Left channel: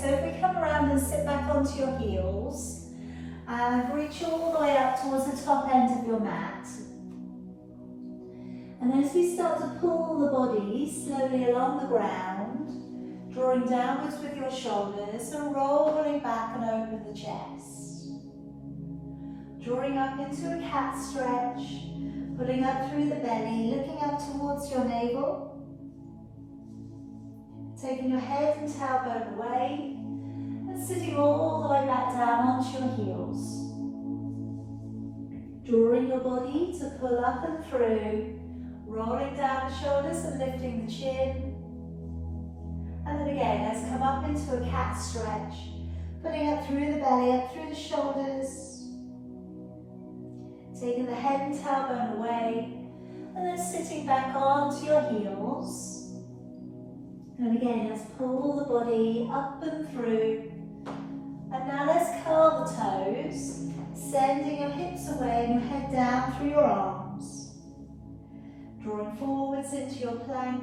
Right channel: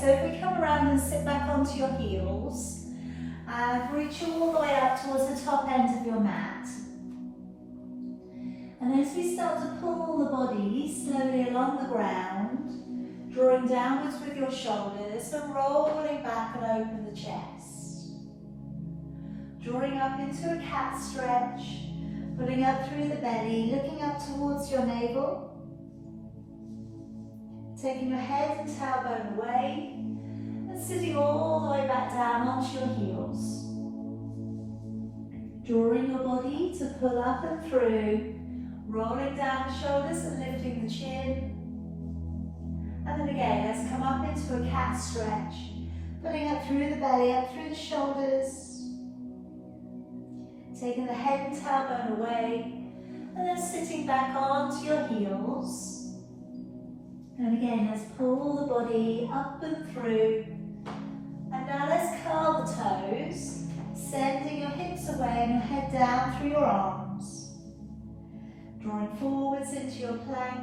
so if we come around and sit back onto your heels, and reach all the way up towards the top end of your mat. And as we start to pull the body slowly along the ground, drawing downwards with your shoulders and rolling back and open the chest. Drawing up into a cat stretch, pulling up through the belly, looking up towards your navel. Taking your head and tailbone away and sitting all the way back down onto your heels. Drawing your body to pull up and through, rolling down the shoulders and lifting the chin. And then again, let's come up into a cat stretch, pulling up through the belly, up through the shoulders. Taking the head and tailbone away, and then sitting back onto your heels. And again, let's pull the body up and through. And now let's curl the toes, sending your hips away and your head down through your arms. Drawing forwards into your plank,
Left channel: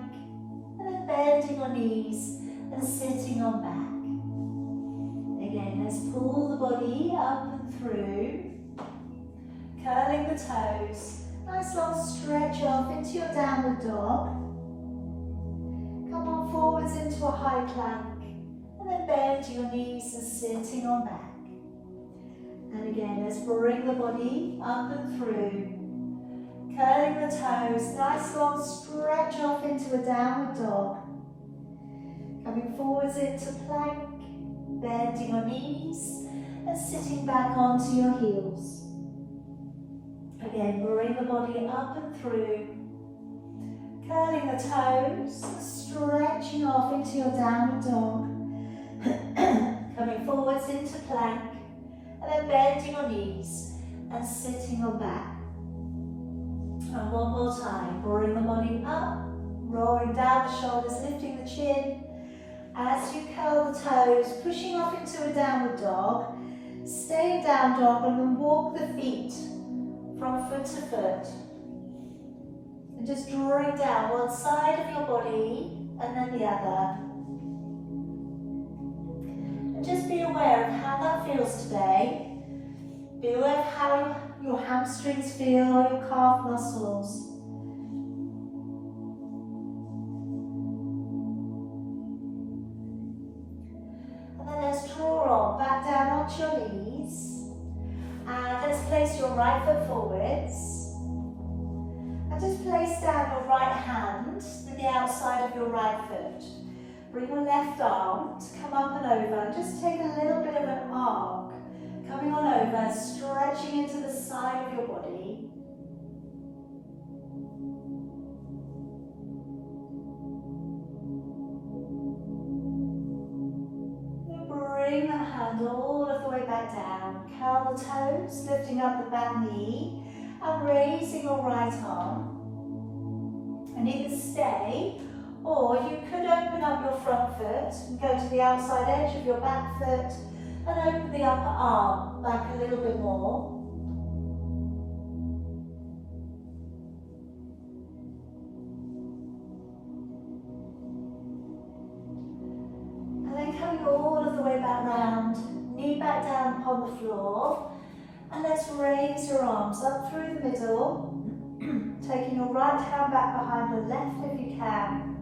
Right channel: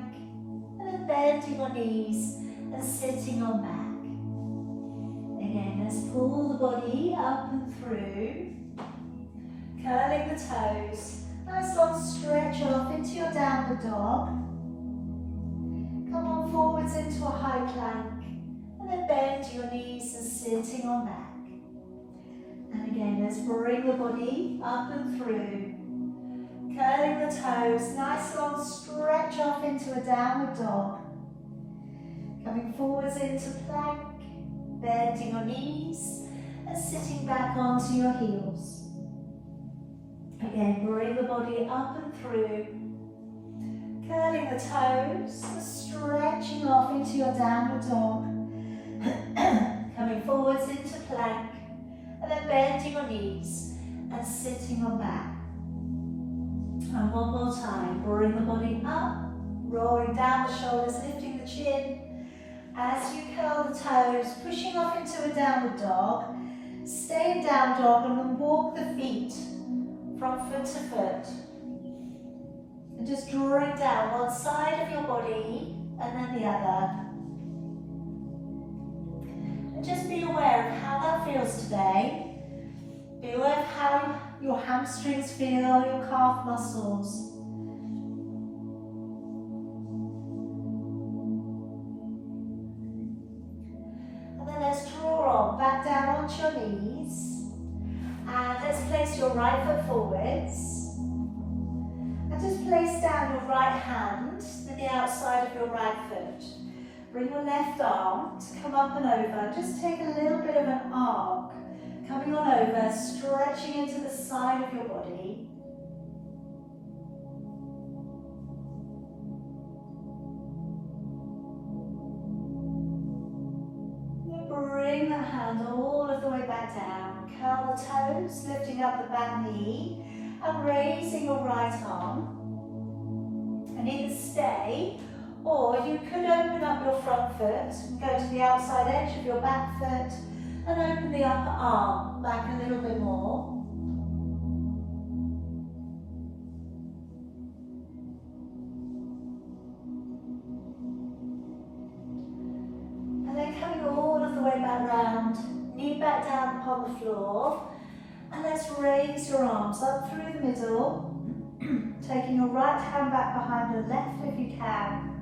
and then bending your knees and sitting on back. Again, let's pull the body up and through, curling the toes. Nice long stretch off into your downward dog. Come on forwards into a high plank, and then bend your knees and sitting on back. And again, let's bring the body up and through, curling the toes, nice long stretch off into a downward dog. Coming forwards into plank, bending your knees, and sitting back onto your heels. Again, bring the body up and through, curling the toes, stretching off into your downward dog. Coming forwards into plank, and then bending your knees and sitting on back. And one more time, bring the body up, rolling down the shoulders, lifting the chin. As you curl the toes, pushing off into a downward dog, stay in down dog and then walk the feet from foot to foot. And just drawing down one side of your body and then the other. And just be aware of how that feels today. Be aware of how your hamstrings feel, your calf muscles. And then let's draw on, back down onto your knees. And let's place your right foot forwards. And just place down your right hand to the outside of your right foot. Bring your left arm to come up and over. Just take a little bit of an arc. Coming on over, stretching into the side of your body. Bring the hand all of the way back down. Curl the toes, lifting up the back knee and raising your right arm. And either stay, or you could open up your front foot and go to the outside edge of your back foot and open the upper arm back a little bit more. And then coming all of the way back round, knee back down upon the floor, and let's raise your arms up through the middle, taking your right hand back behind the left if you can.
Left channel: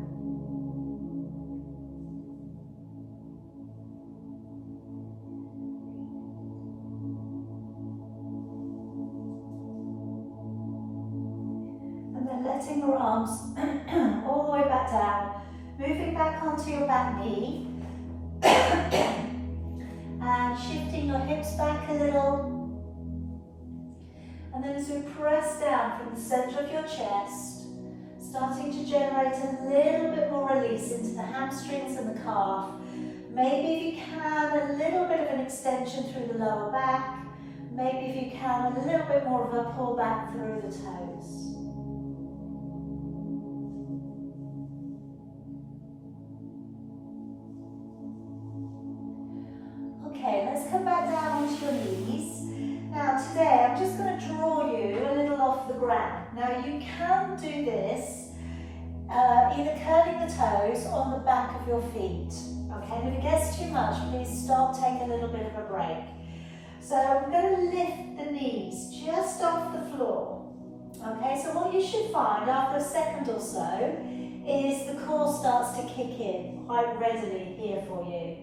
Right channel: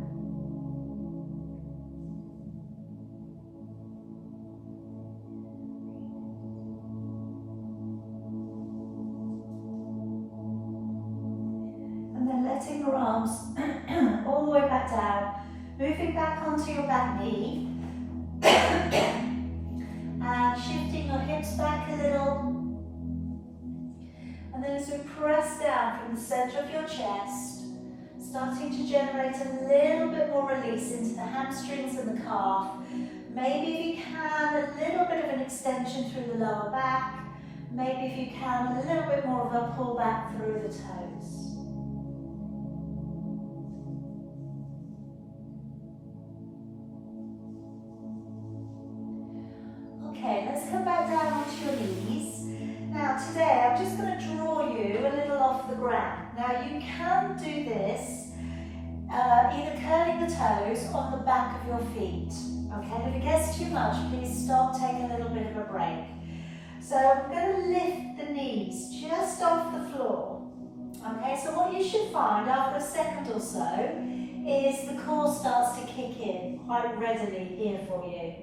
And then letting your arms all the way back down, moving back onto your back knee, and shifting your hips back a little. And then as we press down from the center of your chest, starting to generate a little bit more release into the hamstrings and the calf. Maybe if you can, a little bit of an extension through the lower back. Maybe if you can, a little bit more of a pull back through the toes. Okay, let's come back down onto your knees. Now today I'm just going to draw you a little off the ground. Now you can do this either curling the toes on the back of your feet. Okay, and if it gets too much, please stop, take a little bit of a break. So I'm going to lift the knees just off the floor. Okay, so what you should find after a second or so is the core starts to kick in quite readily here for you.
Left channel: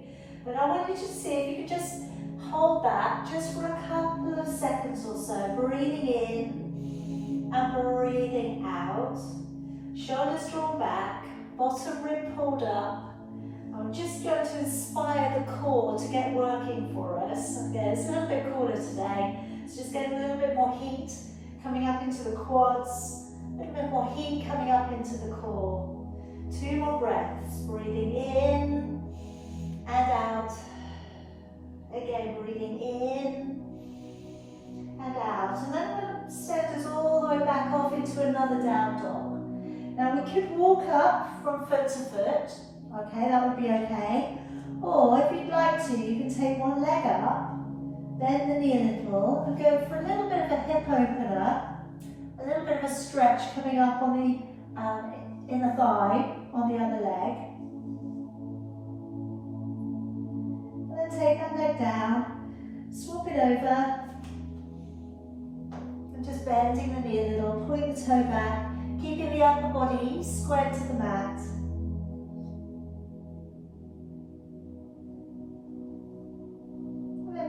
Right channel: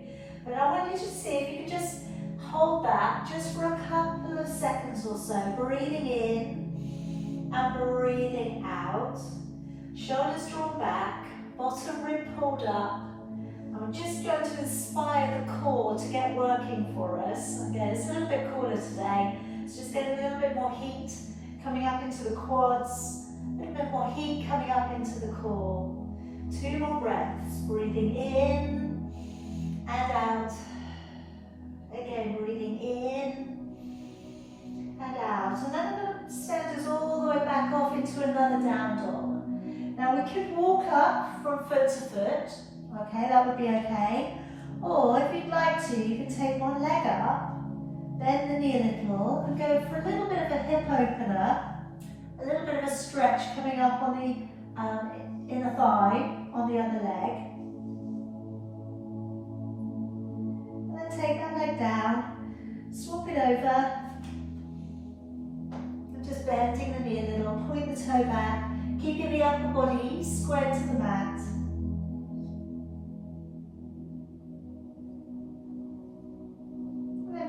But I want you to see if you could just hold that just for a couple of seconds or so, breathing in and breathing out. Shoulders drawn back, bottom rib pulled up. I'm just going to inspire the core to get working for us. Again, it's a little bit cooler today. It's just getting a little bit more heat coming up into the quads, a little bit more heat coming up into the core. 2 more breaths, breathing in and out. Again, breathing in and out. And then I'm going to send us all the way back off into another down dog. Now we could walk up from foot to foot. Okay, that would be okay. Or if you'd like to, you can take one leg up, bend the knee a little, and go for a little bit of a hip opener, a little bit of a stretch coming up on the inner thigh on the other leg. And then take that leg down, swap it over, and just bending the knee a little, pulling the toe back, keeping the upper body squared to the mat.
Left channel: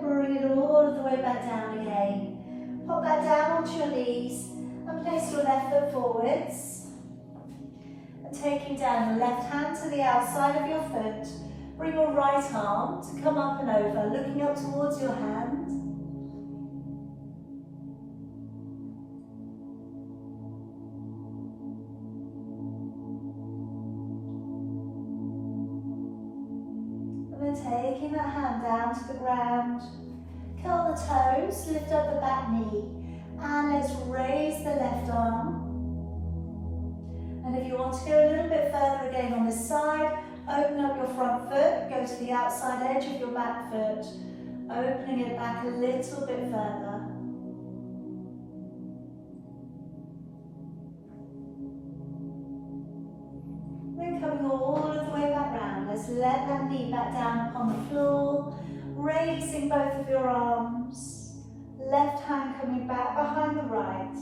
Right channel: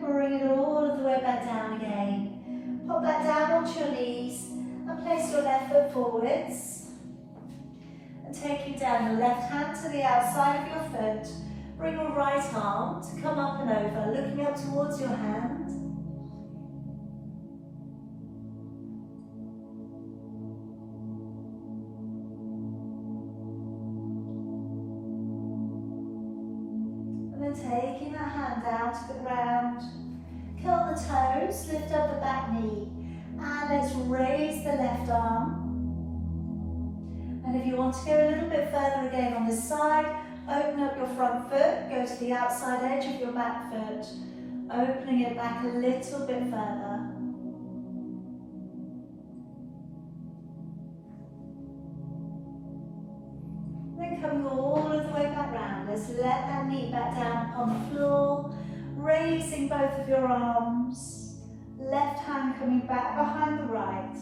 Bring it all of the way back down again. Pop that down onto your knees and place your left foot forwards. And taking down your left hand to the outside of your foot, bring your right arm to come up and over, looking up towards your hand. And then taking that hand down to the ground. Curl the toes, lift up the back knee, and let's raise the left arm. And if you want to go a little bit further again on this side, open up your front foot, go to the outside edge of your back foot, opening it back a little bit further. Then coming all of the way back round, let's let that knee back down upon the floor. Raising both of your arms, left hand coming back behind the right.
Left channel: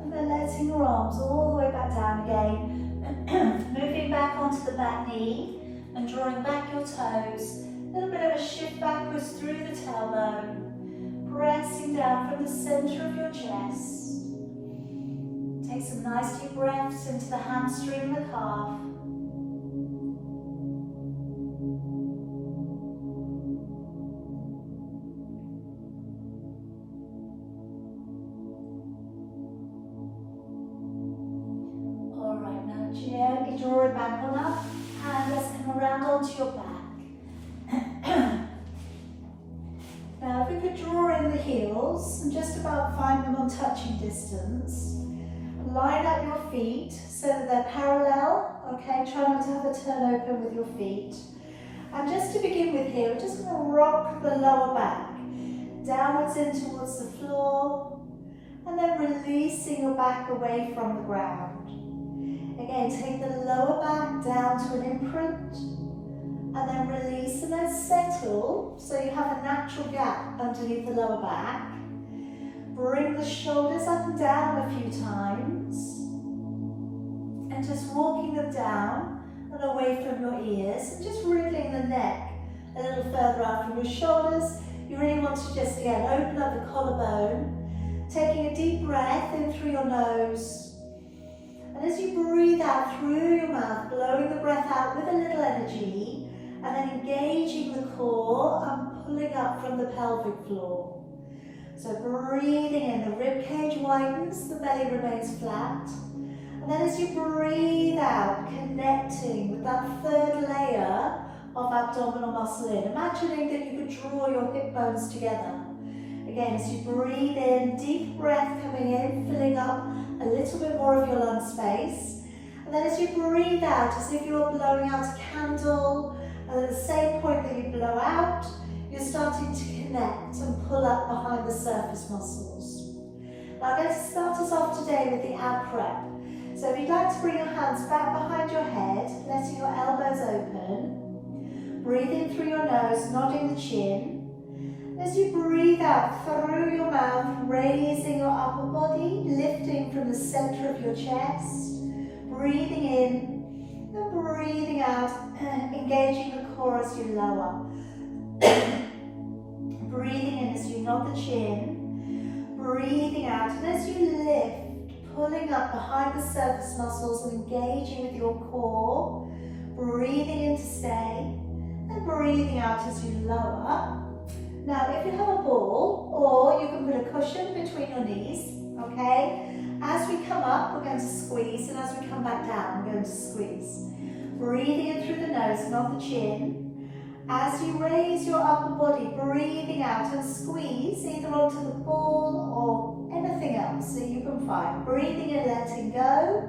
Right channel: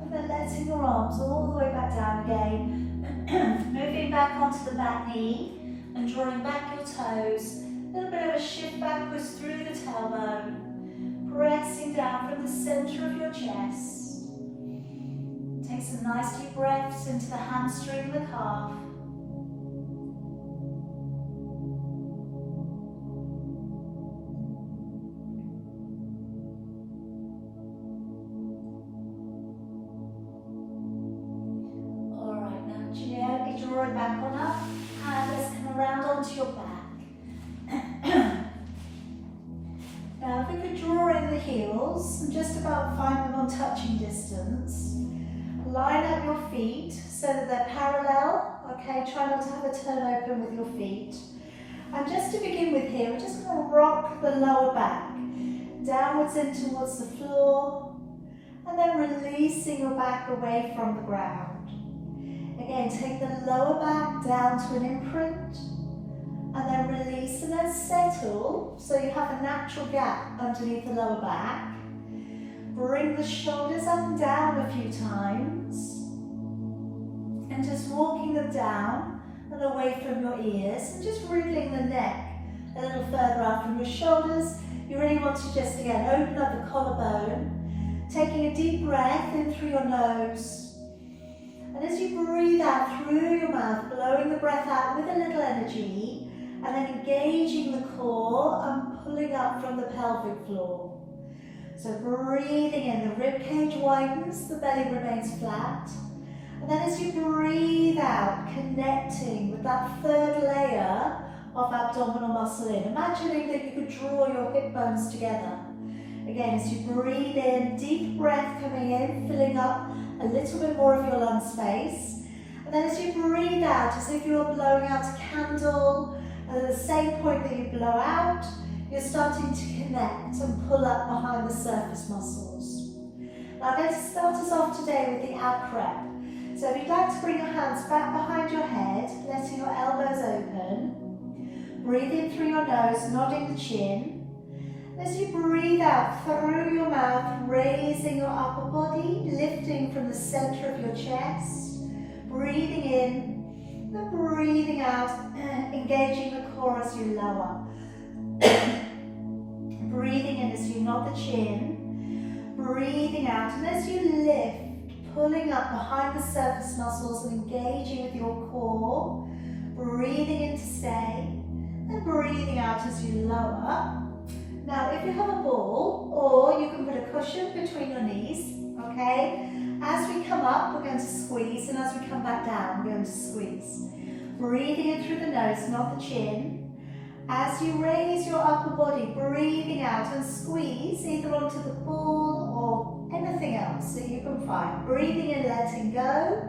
And then letting your arms all the way back down again. Moving back onto the back knee and drawing back your toes. A little bit of a shift backwards through the tailbone. Pressing down from the center of your chest. Take some nice deep breaths into the hamstring and the calf. Alright, now gently draw it back on up. And let's come around onto your back. Now, if we could draw in the heels and just about find them on touching distance, line up your feet so that they're parallel. Okay, try not to have a turn open with your feet. And just to begin with here, we're just going to rock the lower back downwards in towards the floor, and then releasing your back away from the ground. Again, take the lower back down to an imprint. And then release and then settle so you have a natural gap underneath the lower back. Bring the shoulders up and down a few times. And just walking them down and away from your ears. And just wriggling the neck a little further out from your shoulders. You really want to just again open up the collarbone. Taking a deep breath in through your nose. And as you breathe out through your mouth, blowing the breath out with a little energy. And then engaging the core and pulling up from the pelvic floor. So breathing in, the rib cage widens, the belly remains flat. And then as you breathe out, connecting with that third layer of abdominal muscle in. Imagining that you could draw your hip bones together. Again, as you breathe in, deep breath coming in, filling up a little bit more of your lung space. And then as you breathe out, as if you're blowing out a candle, And at the same point that you blow out, you're starting to connect and pull up behind the surface muscles. Now I'm going to start us off today with the ab prep. So if you'd like to bring your hands back behind your head, letting your elbows open, breathe in through your nose, nodding the chin. As you breathe out through your mouth, raising your upper body, lifting from the center of your chest, breathing in and breathing out, engaging the core as you lower. Breathing in as you nod the chin, breathing out, and as you lift, pulling up behind the surface muscles and engaging with your core, breathing in to stay, and breathing out as you lower. Now, if you have a ball, or you can put a cushion between your knees, okay? As we come up, we're going to squeeze, and as we come back down, we're going to squeeze. Breathing in through the nose, not the chin. As you raise your upper body, breathing out and squeeze either onto the ball or anything else that you can find. Breathing in, letting go.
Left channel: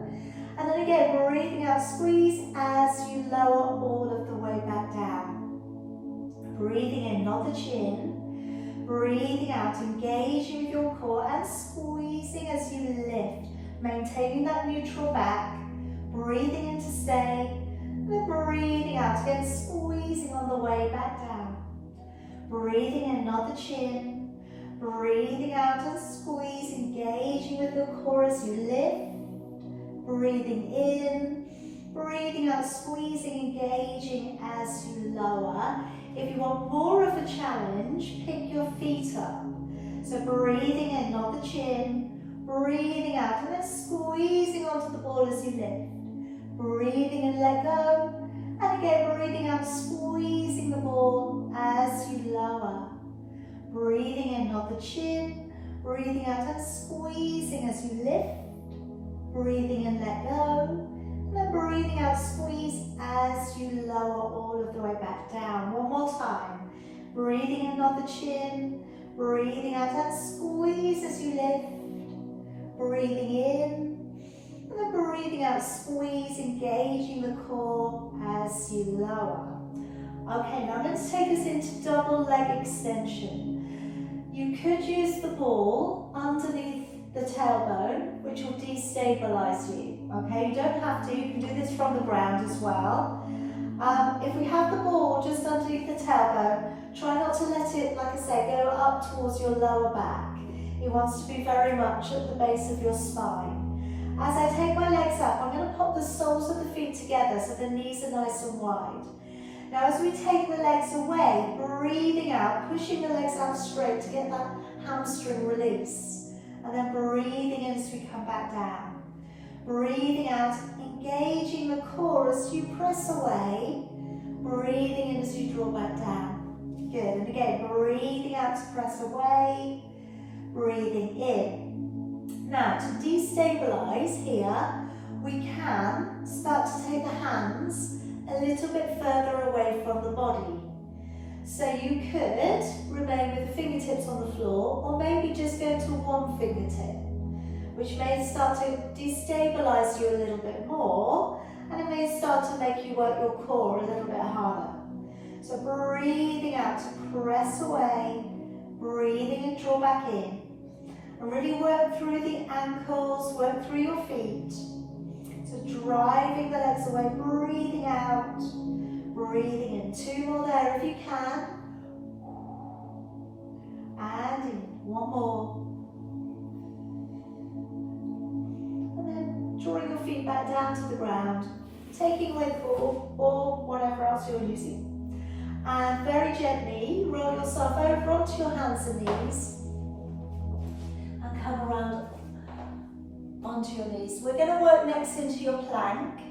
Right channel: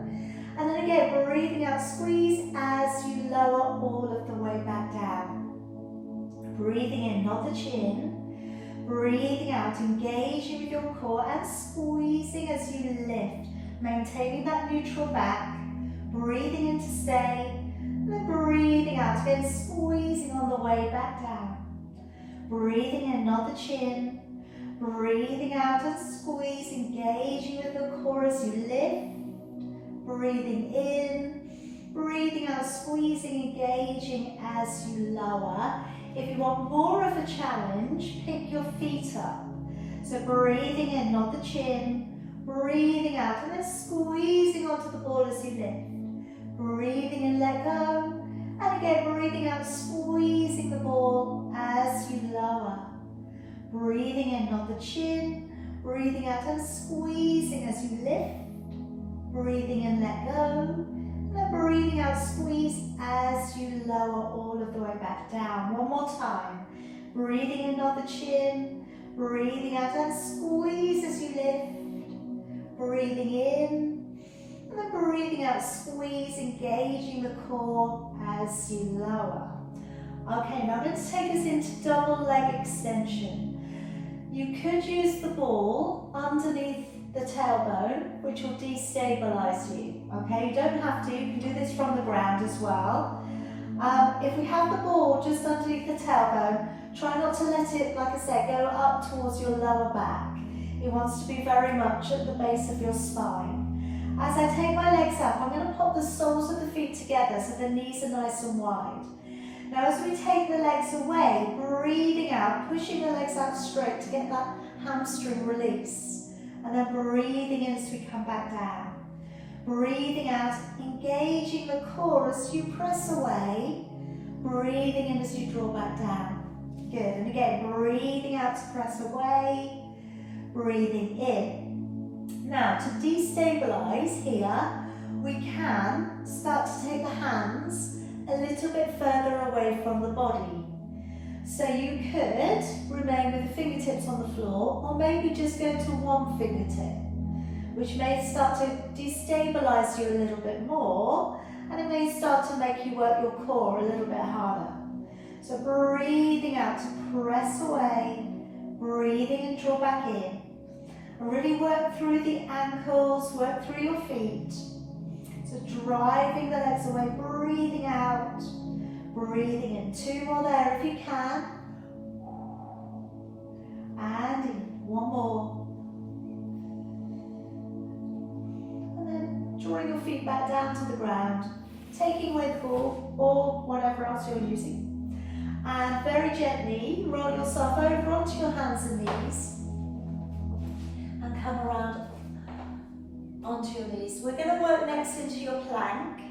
And then again, breathing out, squeeze as you lower all of the way back down. Breathing in, not the chin. Breathing out, engaging with your core and squeezing as you lift. Maintaining that neutral back. Breathing in to stay. And then breathing out, again squeezing on the way back down. Breathing in, not the chin. Breathing out and squeeze, engaging with your core as you lift. Breathing in, breathing out, squeezing, engaging as you lower. If you want more of a challenge, pick your feet up. So breathing in, not the chin. Breathing out and then squeezing onto the ball as you lift. Breathing in, let go. And again, breathing out, squeezing the ball as you lower. Breathing in, not the chin. Breathing out and squeezing as you lift. Breathing in, let go. And then breathing out, squeeze as you lower all of the way back down. One more time. Breathing in, not the chin. Breathing out and squeeze as you lift. Breathing in. And then breathing out, squeeze, engaging the core as you lower. Okay, now I'm going to take us into double leg extension. You could use the ball underneath the tailbone, which will destabilize you. Okay, you don't have to, you can do this from the ground as well. If we have the ball just underneath the tailbone, try not to let it, like I said, go up towards your lower back. It wants to be very much at the base of your spine. As I take my legs up, I'm going to pop the soles of the feet together so the knees are nice and wide. Now as we take the legs away, breathing out, pushing the legs out straight to get that hamstring release. And then breathing in as we come back down. Breathing out, engaging the core as you press away. Breathing in as you draw back down. Good, and again, breathing out to press away. Breathing in. Now, to destabilize here, we can start to take the hands a little bit further away from the body. So you could remain with the fingertips on the floor, or maybe just go to one fingertip, which may start to destabilize you a little bit more, and it may start to make you work your core a little bit harder. So breathing out to press away, breathing and draw back in. And really work through the ankles, work through your feet. So driving the legs away, breathing out, breathing in. Two more there if you can. And in. One more. And then drawing your feet back down to the ground, taking away the ball or whatever else you're using. And very gently roll yourself over onto your hands and knees. Come around onto your knees. We're going to work next into your plank.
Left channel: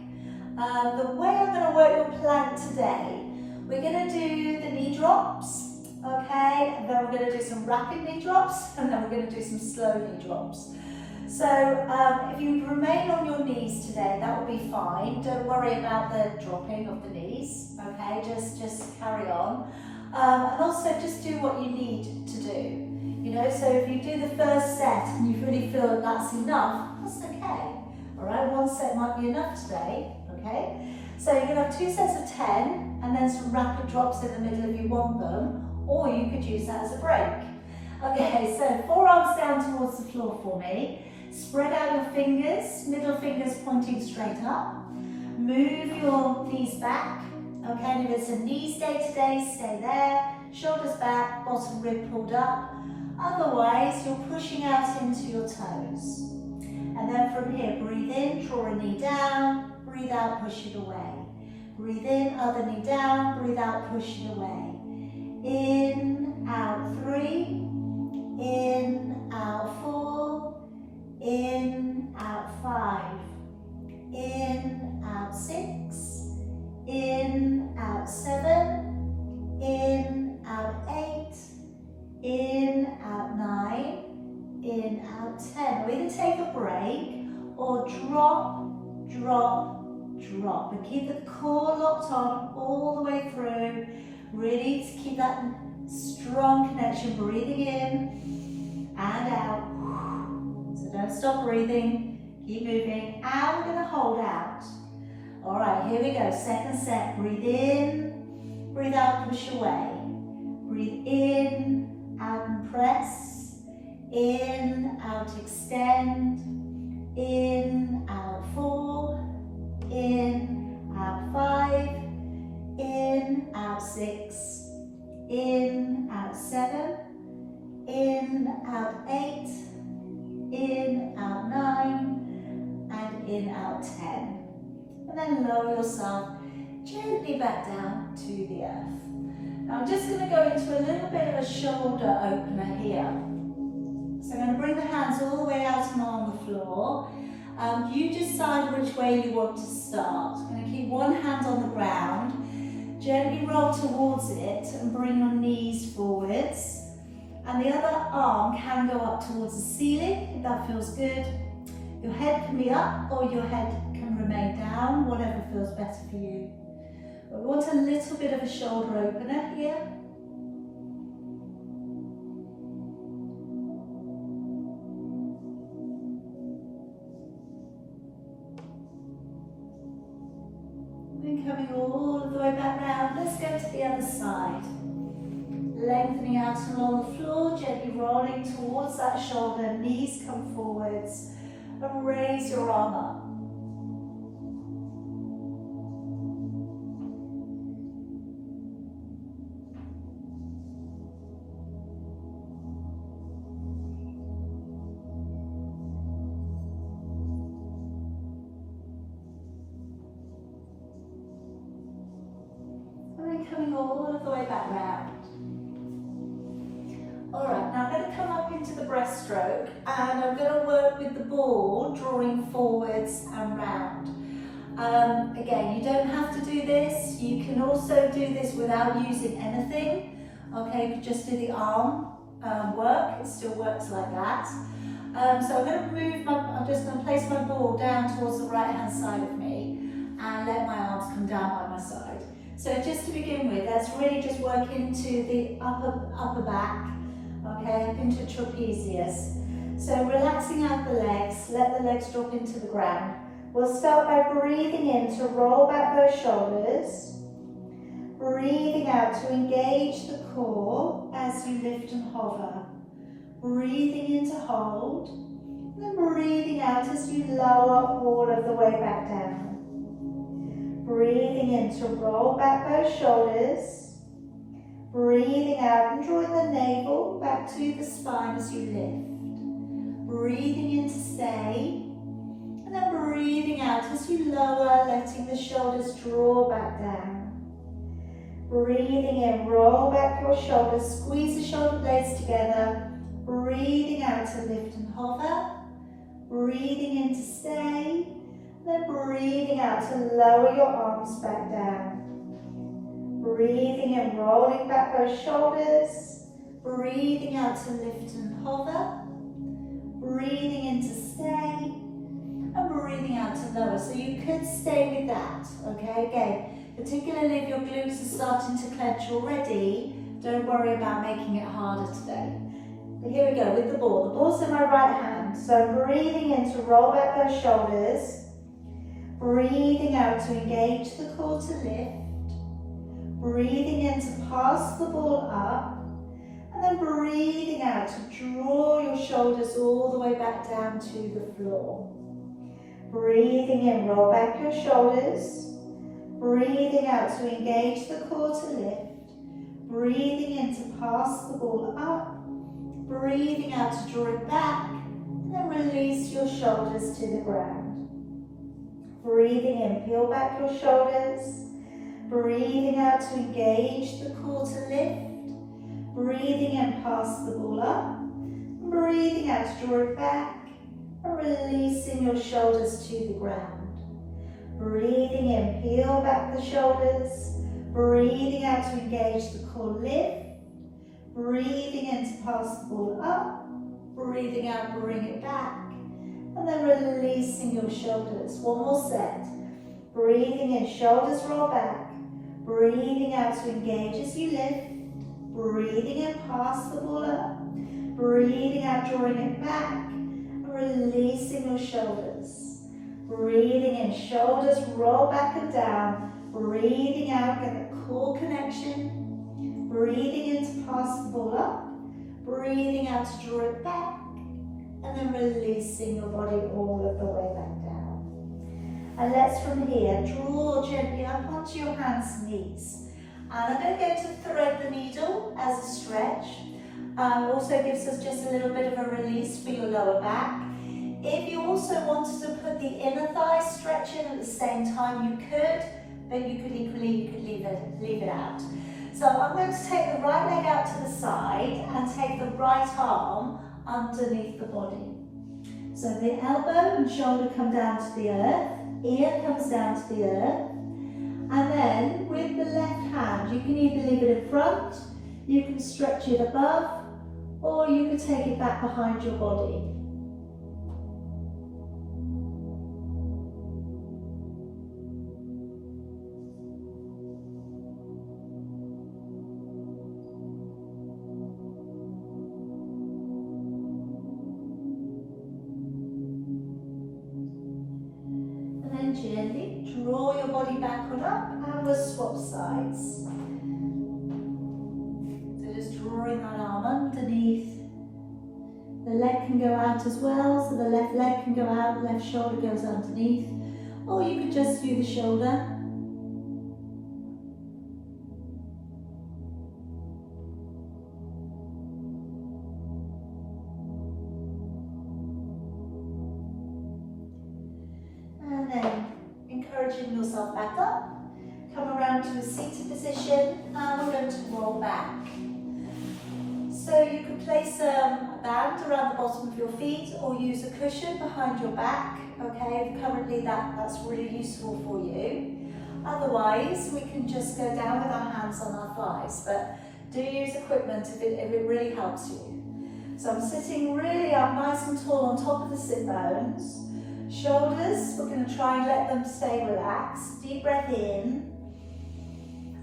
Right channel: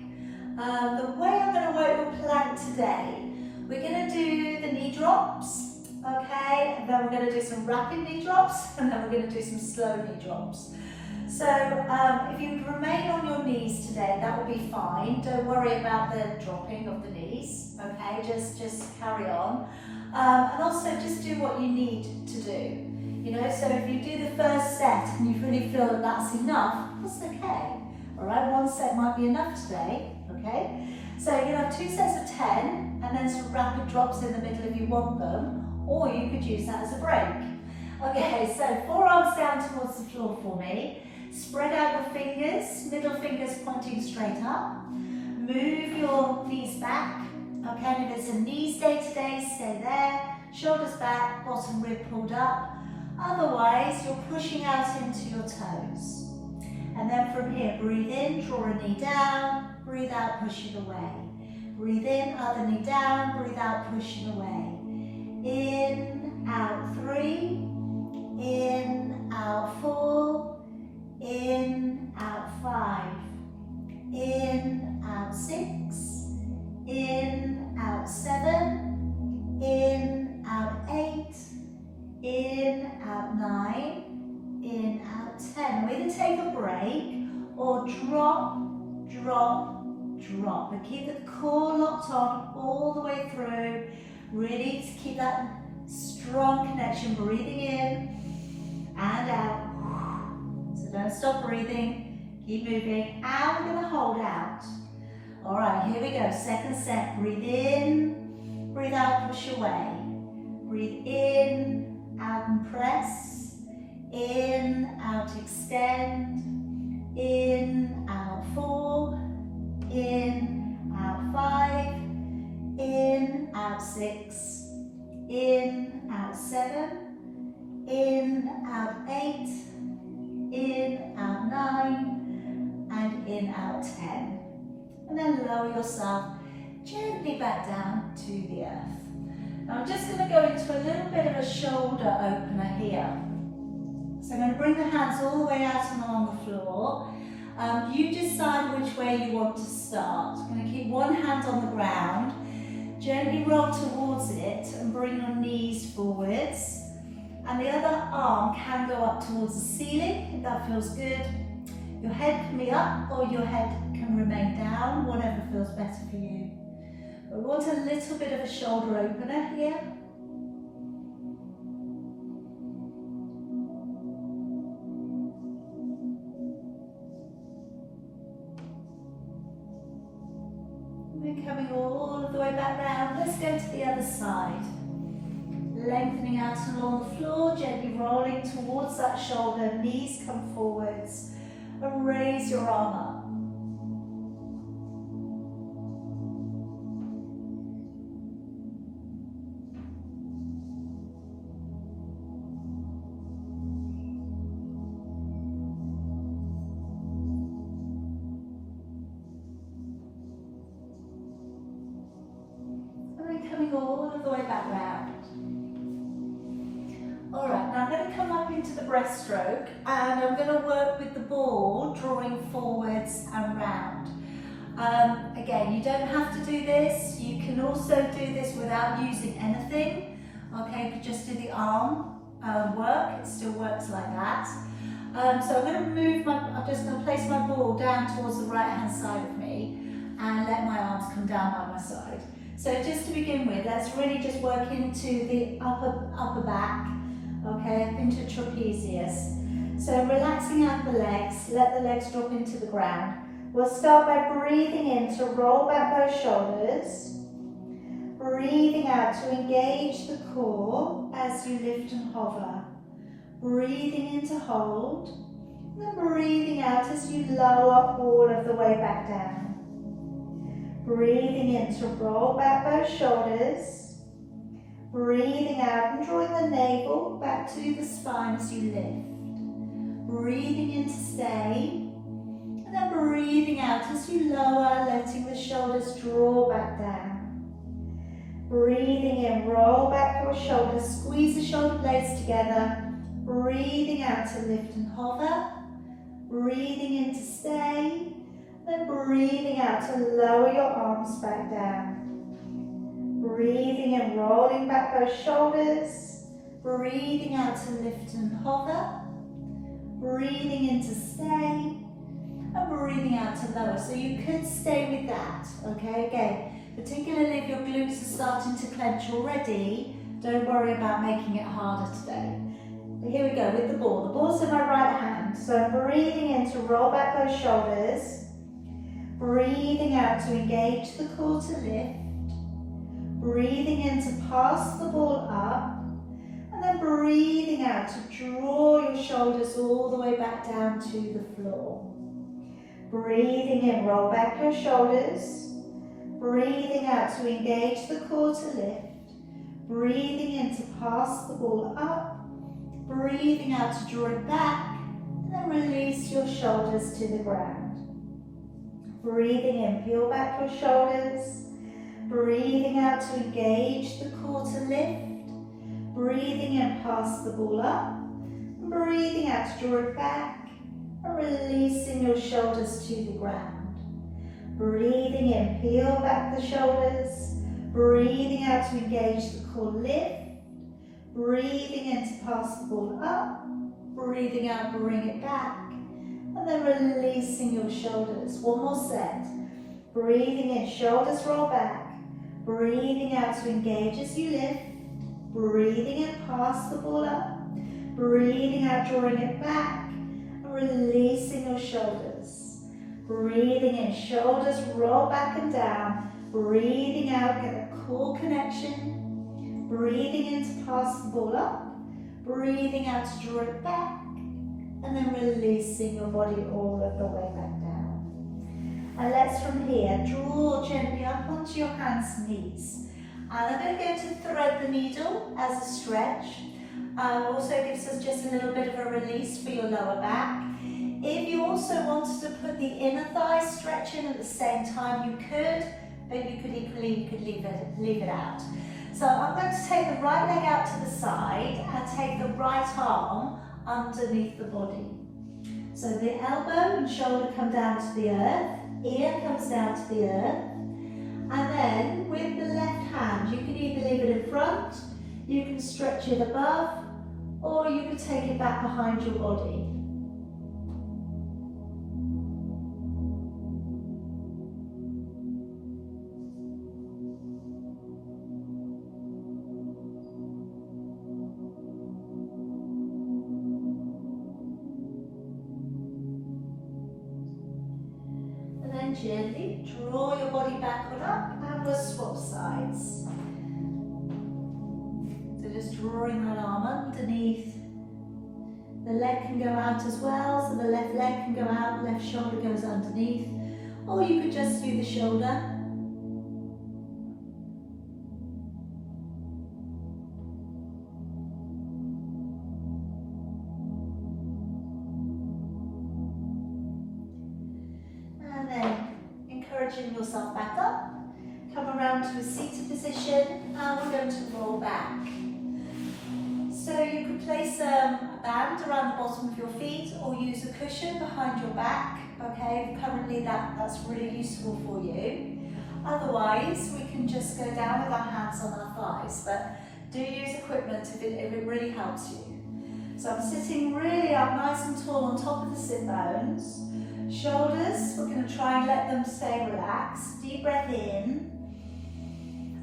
The way I'm going to work your plank today, we're going to do the knee drops, okay? And then we're going to do some rapid knee drops, and then we're going to do some slow knee drops. So if you remain on your knees today, that will be fine. Don't worry about the dropping of the knees, okay? Just carry on. And also just do what you need to do. You know, so if you do the first set and you really feel that that's enough, that's okay. All right, one set might be enough today, okay? So you can have 2 sets of 10 and then some rapid drops in the middle if you want them, or you could use that as a break. Okay, so forearms down towards the floor for me. Spread out your fingers, middle fingers pointing straight up. Move your knees back. Okay, and if it's a knees day today, stay there. Shoulders back, bottom rib pulled up. Otherwise, you're pushing out into your toes. And then from here, breathe in, draw a knee down, breathe out, push it away. Breathe in, other knee down, breathe out, push it away. In, out 3, in, out 4, in, out 5, in, out 6, in, out 7, in, out 8, in, out 9, in, out 10. We either take a break or drop, drop, drop. But keep the core locked on all the way through. Really to keep that strong connection, breathing in and out. So don't stop breathing, keep moving. And we're going to hold out. All right, here we go. Second set. Breathe in, breathe out, push away. Breathe in, out and press. In, out, extend. In, out 4. In, out 5. In, out 6. In, out 7. In, out 8. In, out 9. And in, out 10. And then lower yourself gently back down to the earth. Now I'm just going to go into a little bit of a shoulder opener here. So I'm going to bring the hands all the way out and on the floor. You decide which way you want to start. I'm going to keep one hand on the ground, gently roll towards it and bring your knees forwards. And the other arm can go up towards the ceiling if that feels good. Your head can be up or your head can remain down, whatever feels better for you. But we want a little bit of a shoulder opener here. And coming all of the way back down. Let's go to the other side. Lengthening out along the floor, gently rolling towards that shoulder, knees come forwards. And raise your arm up. And then coming all of the way back round. Alright, now I'm going to come up into the breaststroke and I'm going to work with the ball drawing forwards and round. Again, you don't have to do this. You can also do this without using anything. Okay, you can just do the arm work. It still works like that. So I'm just going to place my ball down towards the right hand side of me and let my arms come down by my side. So just to begin with, let's really just work into the upper back. Okay, into trapezius. So relaxing out the legs, let the legs drop into the ground. We'll start by breathing in to roll back both shoulders. Breathing out to engage the core as you lift and hover. Breathing in to hold. And breathing out as you lower all of the way back down. Breathing in to roll back both shoulders. Breathing out and drawing the navel back to the spine as you lift. Breathing in to stay. And then breathing out as you lower, letting the shoulders draw back down. Breathing in, roll back your shoulders, squeeze the shoulder blades together. Breathing out to lift and hover. Breathing in to stay. Then breathing out to lower your arms back down. Breathing in, rolling back those shoulders. Breathing out to lift and hover. Breathing in to stay. And breathing out to lower. So you could stay with that, okay? Again, particularly if your glutes are starting to clench already, don't worry about making it harder today. But here we go with the ball. The ball's in my right hand. So breathing in to roll back those shoulders. Breathing out to engage the core to lift. Breathing in to pass the ball up. And then breathing out to draw your shoulders all the way back down to the floor. Breathing in, roll back your shoulders. Breathing out to engage the core to lift. Breathing in to pass the ball up. Breathing out to draw it back. And then release your shoulders to the ground. Breathing in, peel back your shoulders. Breathing out to engage the core to lift. Breathing in, pass the ball up. Breathing out to draw it back. And releasing your shoulders to the ground. Breathing in, peel back the shoulders. Breathing out to engage the core, lift. Breathing in to pass the ball up. Breathing out, bring it back. And then releasing your shoulders. One more set. Breathing in, shoulders roll back. Breathing out to engage as you lift. Breathing in, pass the ball up. Breathing out, drawing it back. And releasing your shoulders. Breathing in, shoulders roll back and down. Breathing out, get a core connection. Breathing in to pass the ball up. Breathing out to draw it back. And then releasing your body all of the way back down. And let's from here, draw gently up onto your hands and knees. And I'm going to go to thread the needle as a stretch. Also gives us just a little bit of a release for your lower back. If you also wanted to put the inner thigh stretch in at the same time, you could, but you could equally leave it out. So I'm going to take the right leg out to the side and take the right arm underneath the body. So the elbow and shoulder come down to the earth, ear comes down to the earth, and then with the left hand you can either leave it in front, you can stretch it above, or you can take it back behind your body. Gently draw your body back on up and we'll swap sides. So just drawing that arm underneath. The leg can go out as well, so the left leg can go out, left shoulder goes underneath. Or you could just do the shoulder. Encouraging yourself back up, come around to a seated position. Now we're going to roll back. So you could place a band around the bottom of your feet or use a cushion behind your back. Okay, currently that's really useful for you. Otherwise, we can just go down with our hands on our thighs, but do use equipment if it really helps you. So I'm sitting really up, nice and tall on top of the sit bones. Shoulders, we're going to try and let them stay relaxed. Deep breath in.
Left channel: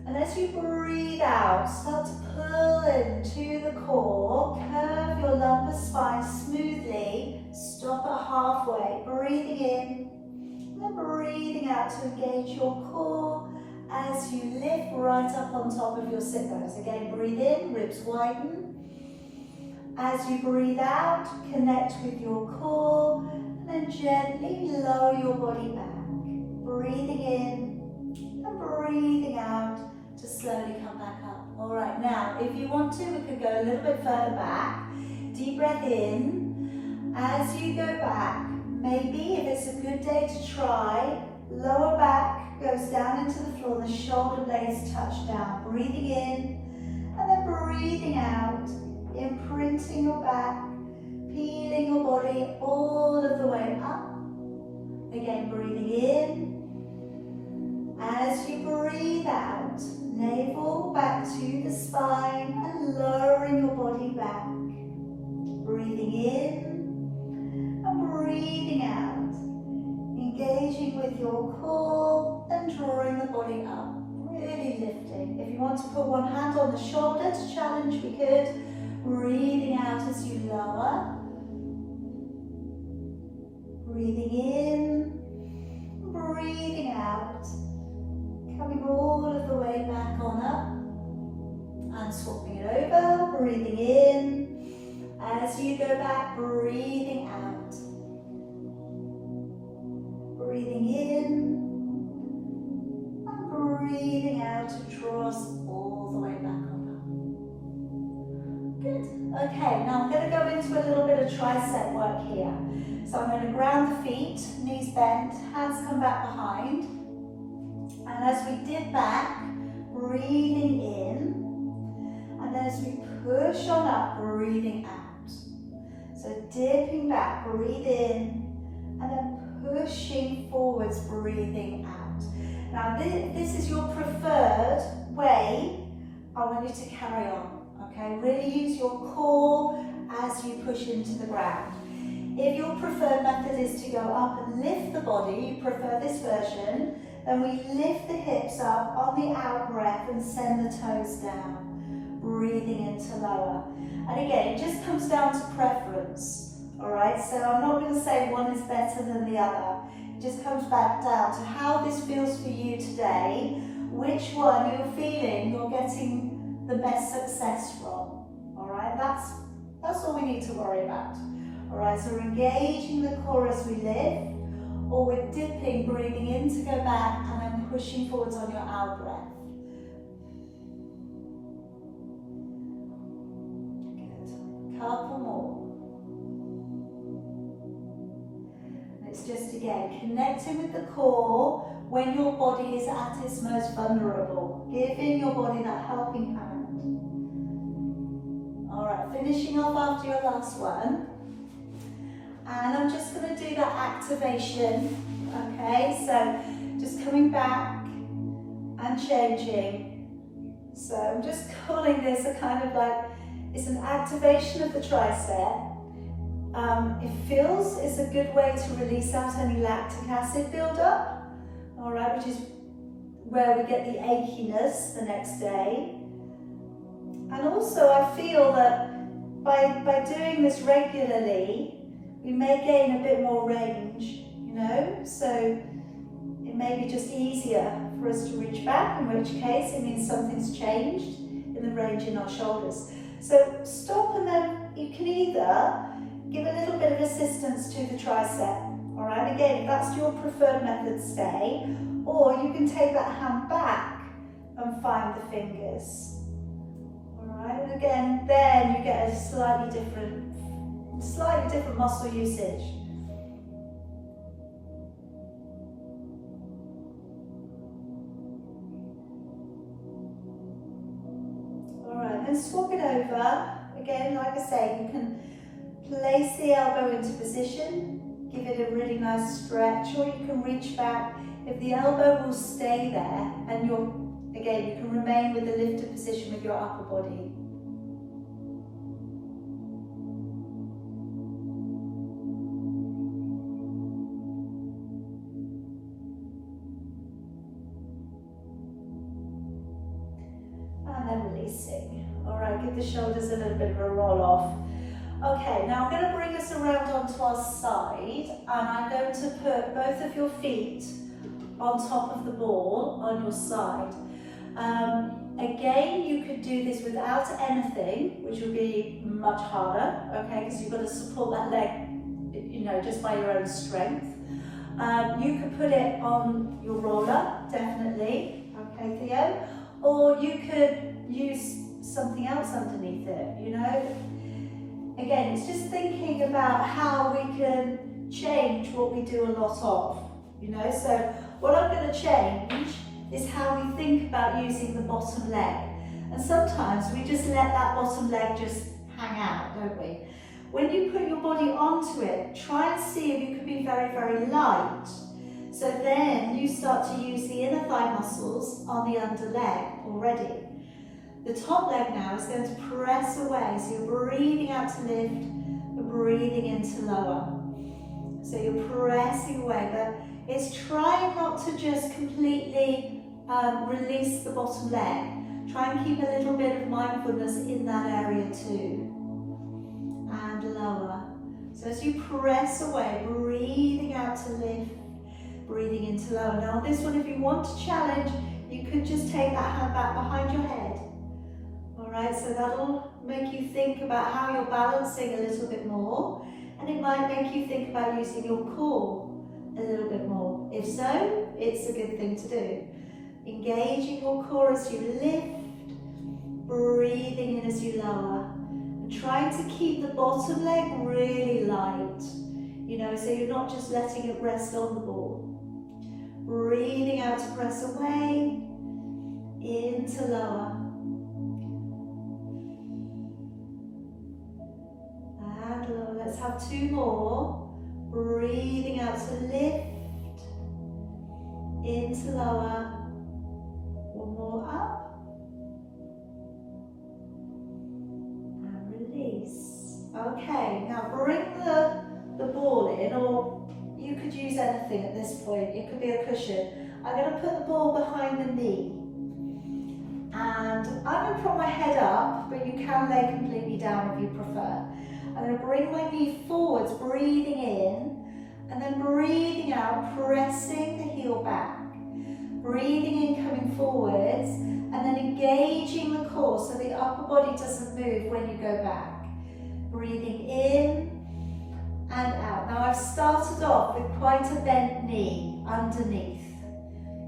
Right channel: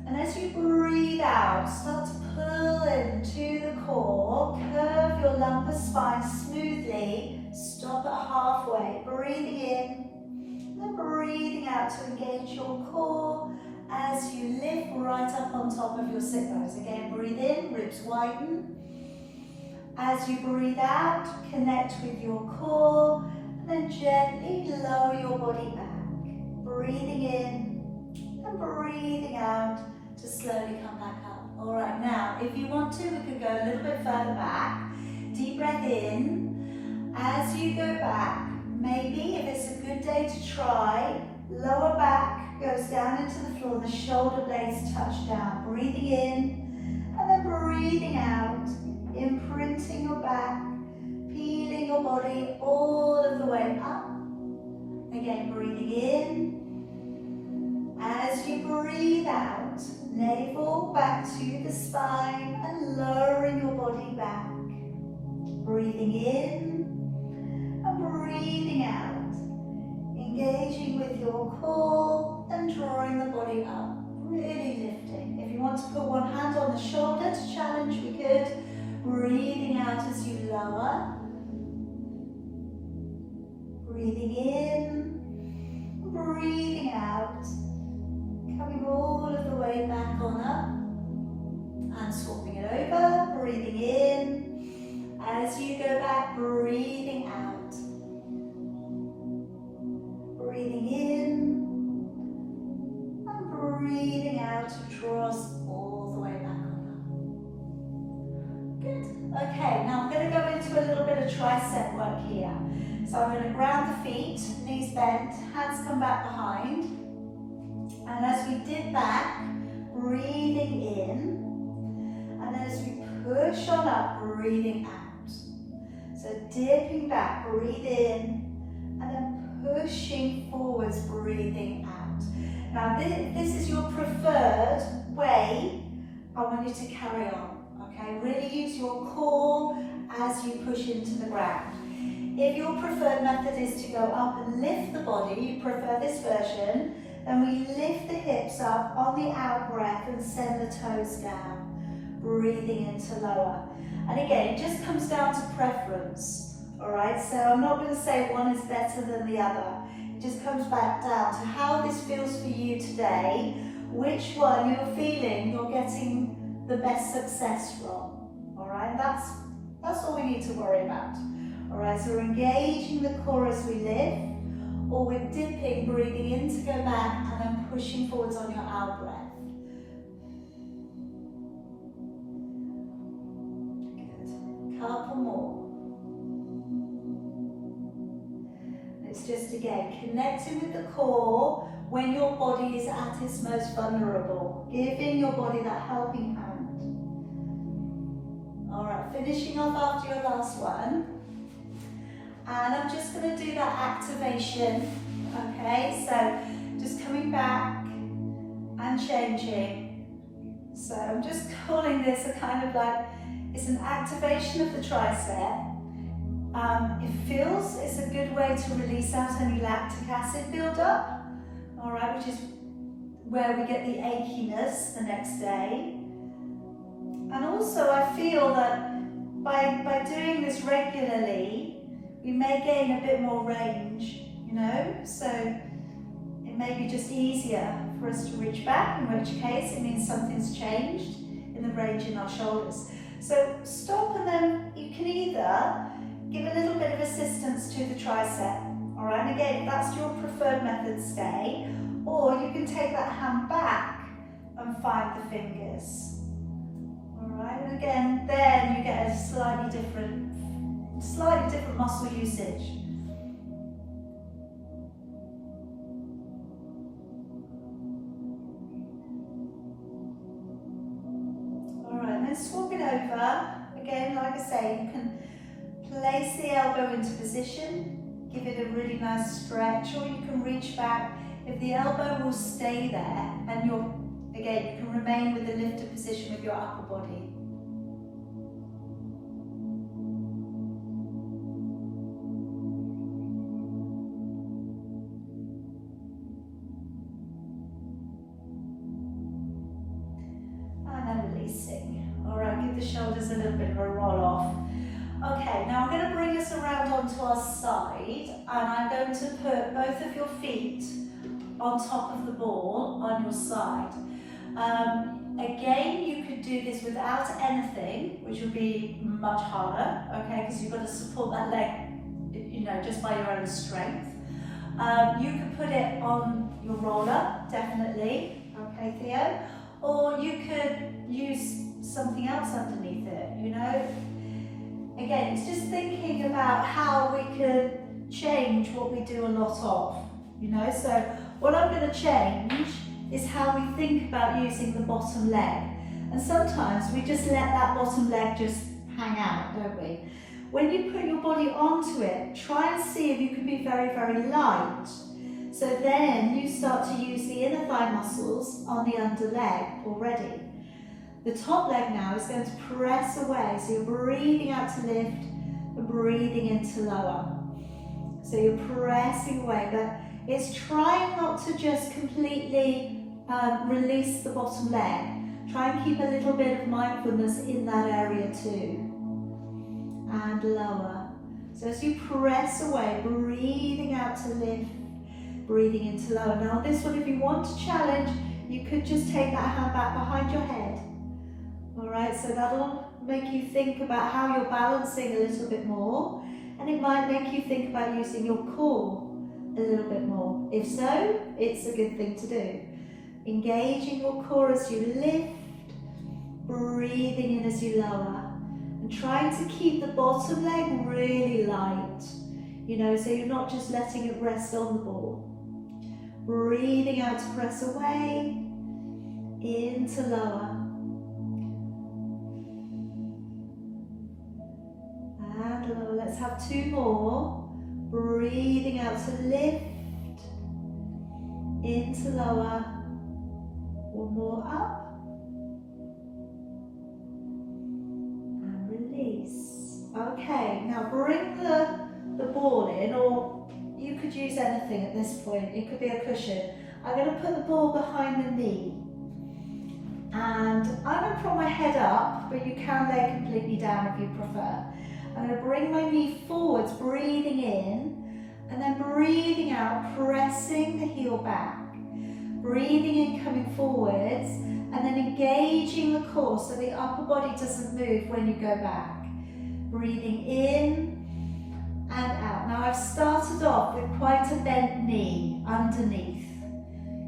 And as you breathe out, start to pull into the core. Curve your lumbar spine smoothly. Stop at halfway. Breathing in. And then breathing out to engage your core as you lift right up on top of your sit bones. Again, breathe in, ribs widen. As you breathe out, connect with your core. Then gently lower your body back. Breathing in and breathing out to slowly come back up. All right, now if you want to, we could go a little bit further back. Deep breath in. As you go back, maybe if it's a good day to try, lower back goes down into the floor, the shoulder blades touch down. Breathing in and then breathing out, imprinting your back. Feeling your body all of the way up. Again, breathing in. As you breathe out, navel back to the spine and lowering your body back. Breathing in and breathing out. Engaging with your core and drawing the body up. Really lifting. If you want to put one hand on the shoulder to challenge, we could. Breathing out as you lower. Breathing in, breathing out, coming all of the way back on up, and swapping it over, breathing in, as you go back, breathing out, breathing in, and breathing out to draw us all the way back on up. Good. Okay, now I'm going to go into a little bit of tricep work here. So I'm going to ground the feet, knees bent, hands come back behind. And as we dip back, breathing in. And as we push on up, breathing out. So dipping back, breathe in. And then pushing forwards, breathing out. Now this is your preferred way I want you to carry on. Okay, really use your core as you push into the ground. If your preferred method is to go up and lift the body, you prefer this version, then we lift the hips up on the out breath and send the toes down, breathing into lower. And again, it just comes down to preference, all right? So I'm not going to say one is better than the other. It just comes back down to how this feels for you today, which one you're feeling you're getting the best success from, all right? That's all we need to worry about. All right, so we're engaging the core as we lift, or we're dipping, breathing in to go back, and then pushing forwards on your out breath. Good. Couple more. And it's just, again, connecting with the core when your body is at its most vulnerable, giving your body that helping hand. All right, finishing off after your last one. And I'm just going to do that activation, okay? So just coming back and changing. So I'm just calling this a kind of like, it's an activation of the tricep. It's a good way to release out any lactic acid buildup, all right, which is where we get the achiness the next day. And also I feel that by doing this regularly, we may gain a bit more range, you know, so it may be just easier for us to reach back, in which case it means something's changed in the range in our shoulders. So stop, and then you can either give a little bit of assistance to the tricep, all right, again, if that's your preferred method, stay, or you can take that hand back and find the fingers, all right, and again, then you get a slightly different muscle usage. Alright, then swap it over. Again, like I say, you can place the elbow into position, give it a really nice stretch, or you can reach back. If the elbow will stay there, and you can remain with the lifted position with your upper body. Alright, give the shoulders a little bit of a roll off. Okay, now I'm going to bring us around onto our side, and I'm going to put both of your feet on top of the ball on your side. Again, you could do this without anything, which would be much harder, okay, because you've got to support that leg, you know, just by your own strength. You could put it on your roller, definitely, okay, Theo, or you could use something else underneath it, you know. Again, it's just thinking about how we can change what we do a lot of, you know. So what I'm going to change is how we think about using the bottom leg. And sometimes we just let that bottom leg just hang out, don't we? When you put your body onto it, try and see if you can be very, very light. So then you start to use the inner thigh muscles on the under leg already. The top leg now is going to press away, so you're breathing out to lift and breathing into lower. So you're pressing away, but it's trying not to just completely release the bottom leg. Try and keep a little bit of mindfulness in that area too. And lower. So as you press away, breathing out to lift, breathing into lower. Now on this one, if you want to challenge, you could just take that hand back behind your head. All right, so that'll make you think about how you're balancing a little bit more, and it might make you think about using your core a little bit more. If so, it's a good thing to do. Engaging your core as you lift, breathing in as you lower, and trying to keep the bottom leg really light, you know, so you're not just letting it rest on the ball. Breathing out to press away, into lower. And lower. Let's have two more. Breathing out to lift, into lower. One more up. And release. Okay, now bring the ball in, or you could use anything at this point. It could be a cushion. I'm going to put the ball behind the knee. And I'm going to put my head up, but you can lay completely down if you prefer. I'm going to bring my knee forwards, breathing in, and then breathing out, pressing the heel back. Breathing in, coming forwards, and then engaging the core so the upper body doesn't move when you go back. Breathing in and out. Now I've started off with quite a bent knee underneath.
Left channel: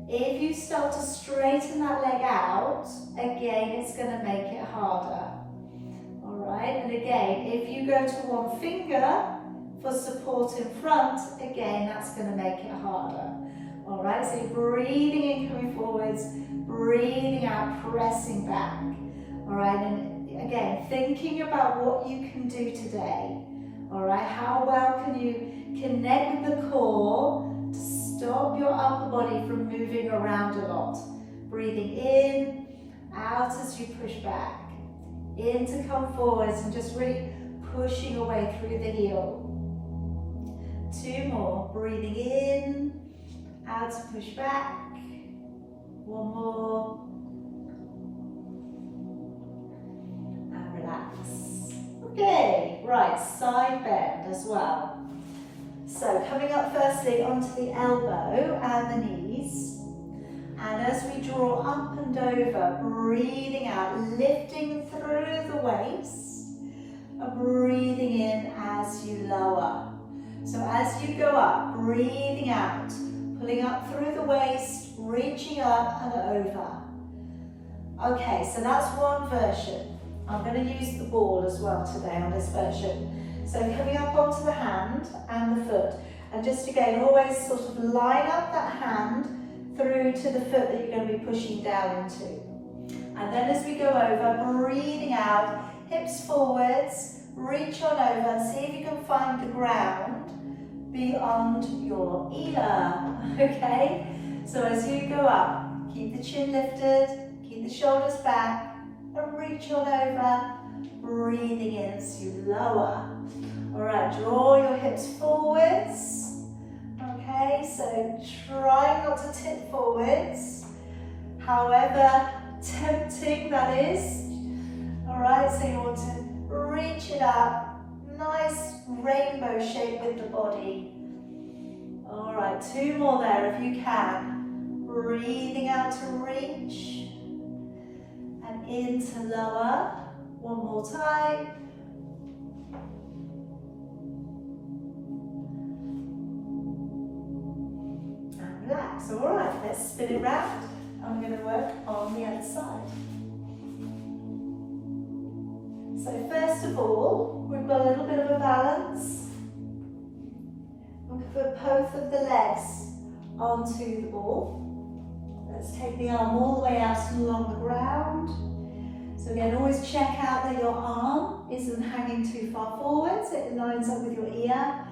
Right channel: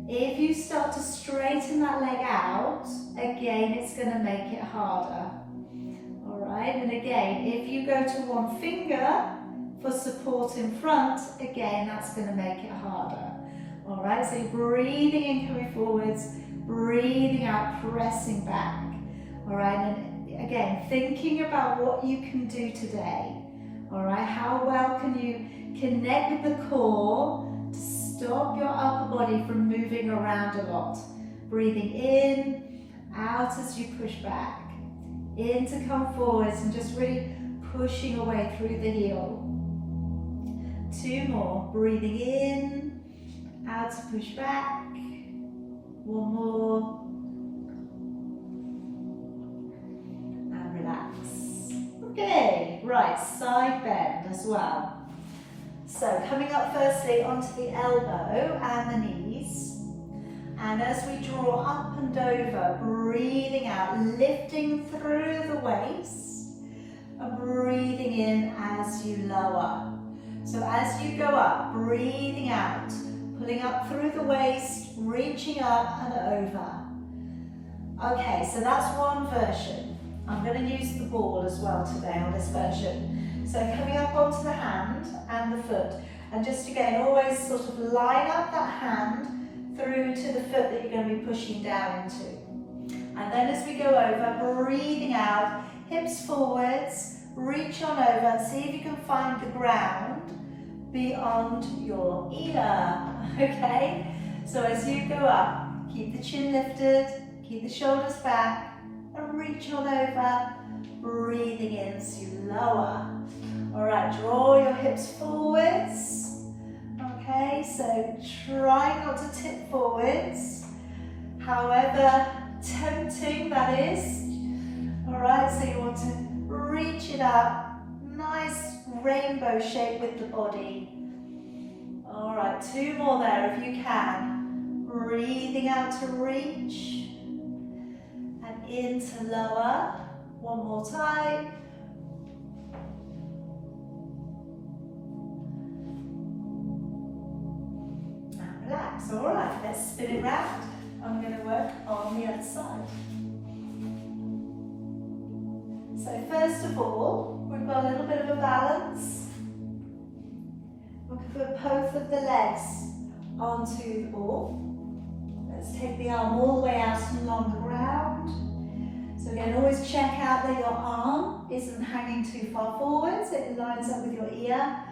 If you start to straighten that leg out, again it's going to make it harder. Alright, and again, if you go to one finger for support in front, again that's going to make it harder. Alright, so you're breathing in, coming forwards, breathing out, pressing back. Alright, and again, thinking about what you can do today. Alright, how well can you connect with the core to stop your upper body from moving around a lot. Breathing in, out as you push back. In to come forwards and just really pushing away through the heel. Two more, breathing in, out to push back. One more. And relax. Okay, right, side bend as well. So coming up firstly onto the elbow and the knees. And as we draw up and over, breathing out, lifting through the waist. And breathing in as you lower. So as you go up, breathing out, pulling up through the waist, reaching up and over. Okay, so that's one version. I'm going to use the ball as well today on this version. So coming up onto the hand and the foot. And just again, always sort of line up that hand through to the foot that you're going to be pushing down into. And then as we go over, breathing out, hips forwards, reach on over and see if you can find the ground beyond your ear. Okay? So as you go up, keep the chin lifted, keep the shoulders back, and reach on over, breathing in as you lower. Alright, draw your hips forwards. Okay, so try not to tip forwards, however tempting that is. Alright, so you want to reach it up, nice rainbow shape with the body. Alright, two more there if you can. Breathing out to reach and into lower. One more time. And relax. Alright, let's spin it round. I'm going to work on the other side. So first of all, we've got a little bit of a balance. We'll put both of the legs onto the ball. Let's take the arm all the way out along the ground. So again, always check out that your arm isn't hanging too far forward, so it lines up with your ear.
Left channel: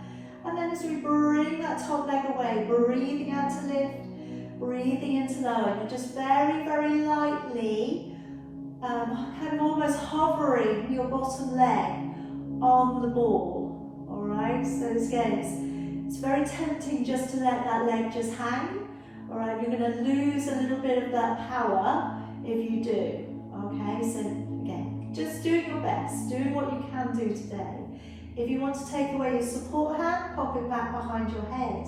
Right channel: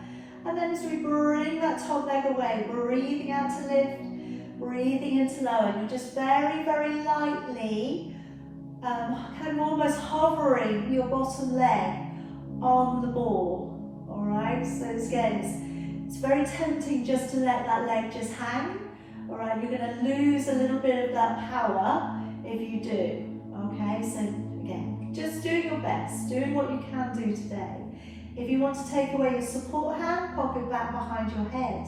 And then as we bring that top leg away, breathing out to lift, breathing into lower, and you're just very, very lightly, kind of almost hovering your bottom leg on the ball. Alright, so again, it's very tempting just to let that leg just hang. Alright, you're going to lose a little bit of that power if you do. Okay, so again, just doing your best, doing what you can do today. If you want to take away your support hand, pop it back behind your head.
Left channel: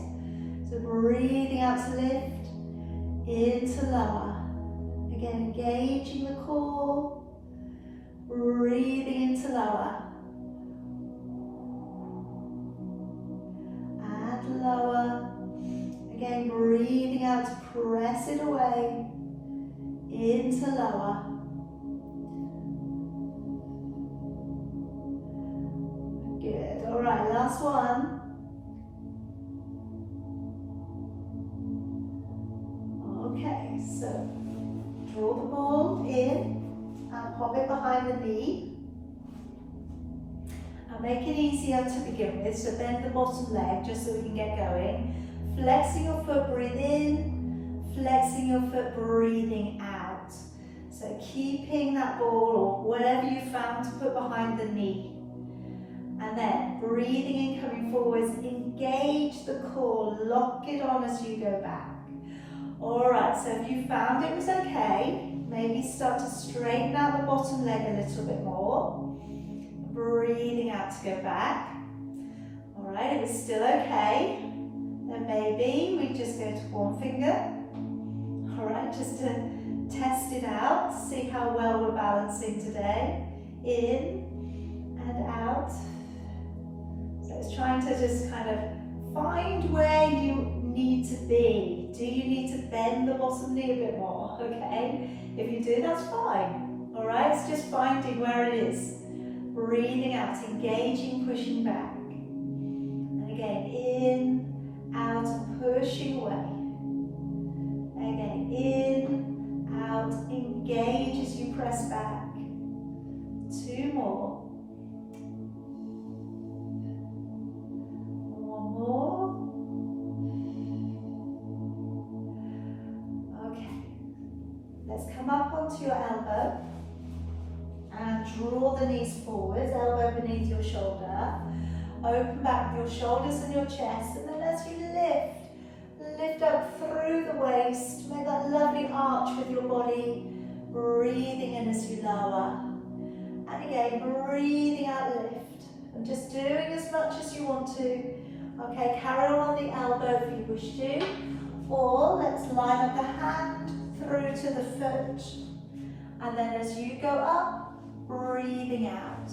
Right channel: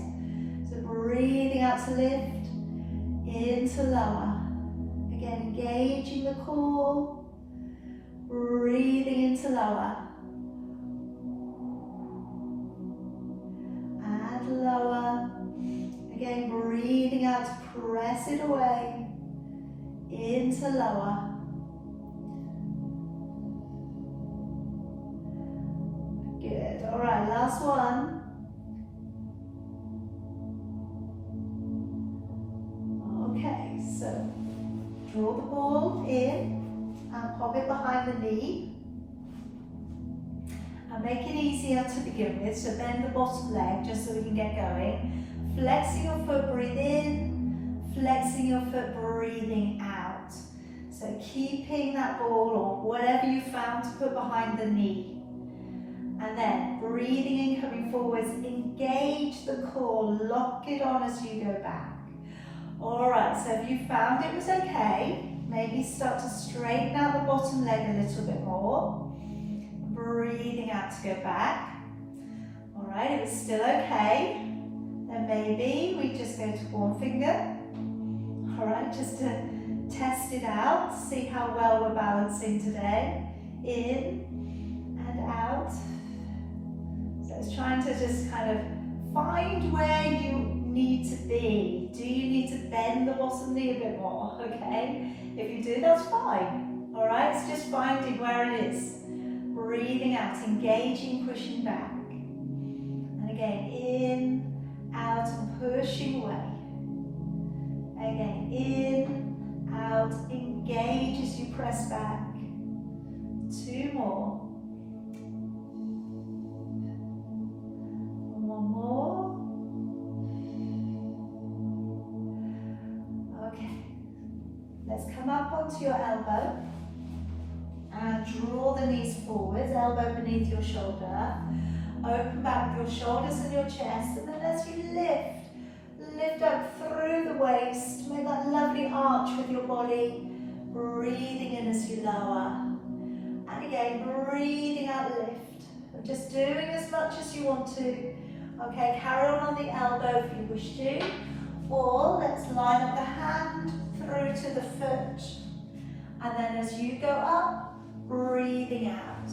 So breathing out to lift, into lower. Again, engaging the core, breathing into lower. And lower. Again, breathing out to press it away, into lower. Good, all right, last one. Okay, so draw the ball in and pop it behind the knee. And make it easier to begin with, so bend the bottom leg just so we can get going. Flexing your foot, breathe in, flexing your foot, breathing out. So keeping that ball or whatever you found to put behind the knee. And then breathing in, coming forwards, engage the core, lock it on as you go back. Alright, so if you found it was okay, maybe start to straighten out the bottom leg a little bit more. Breathing out to go back. Alright, it was still okay. Then maybe we just go to one finger. Alright, just to test it out, see how well we're balancing today. In and out. So it's trying to just kind of find where you need to be. Do you need to bend the bottom knee a bit more? Okay, if you do, that's fine. Alright, it's just finding where it is. Breathing out, engaging, pushing back. And again, in, out, and pushing away. Again, in, out, engage as you press back. Two more. One more. Okay. Let's come up onto your elbow. And draw the knees forwards, elbow beneath your shoulder. Open back with your shoulders and your chest. And then as you lift up through the waist. Make that lovely arch with your body. Breathing in as you lower. And again, breathing out, lift. And just doing as much as you want to. Okay, carry on the elbow if you wish to. Or let's line up the hand through to the foot. And then as you go up, breathing out.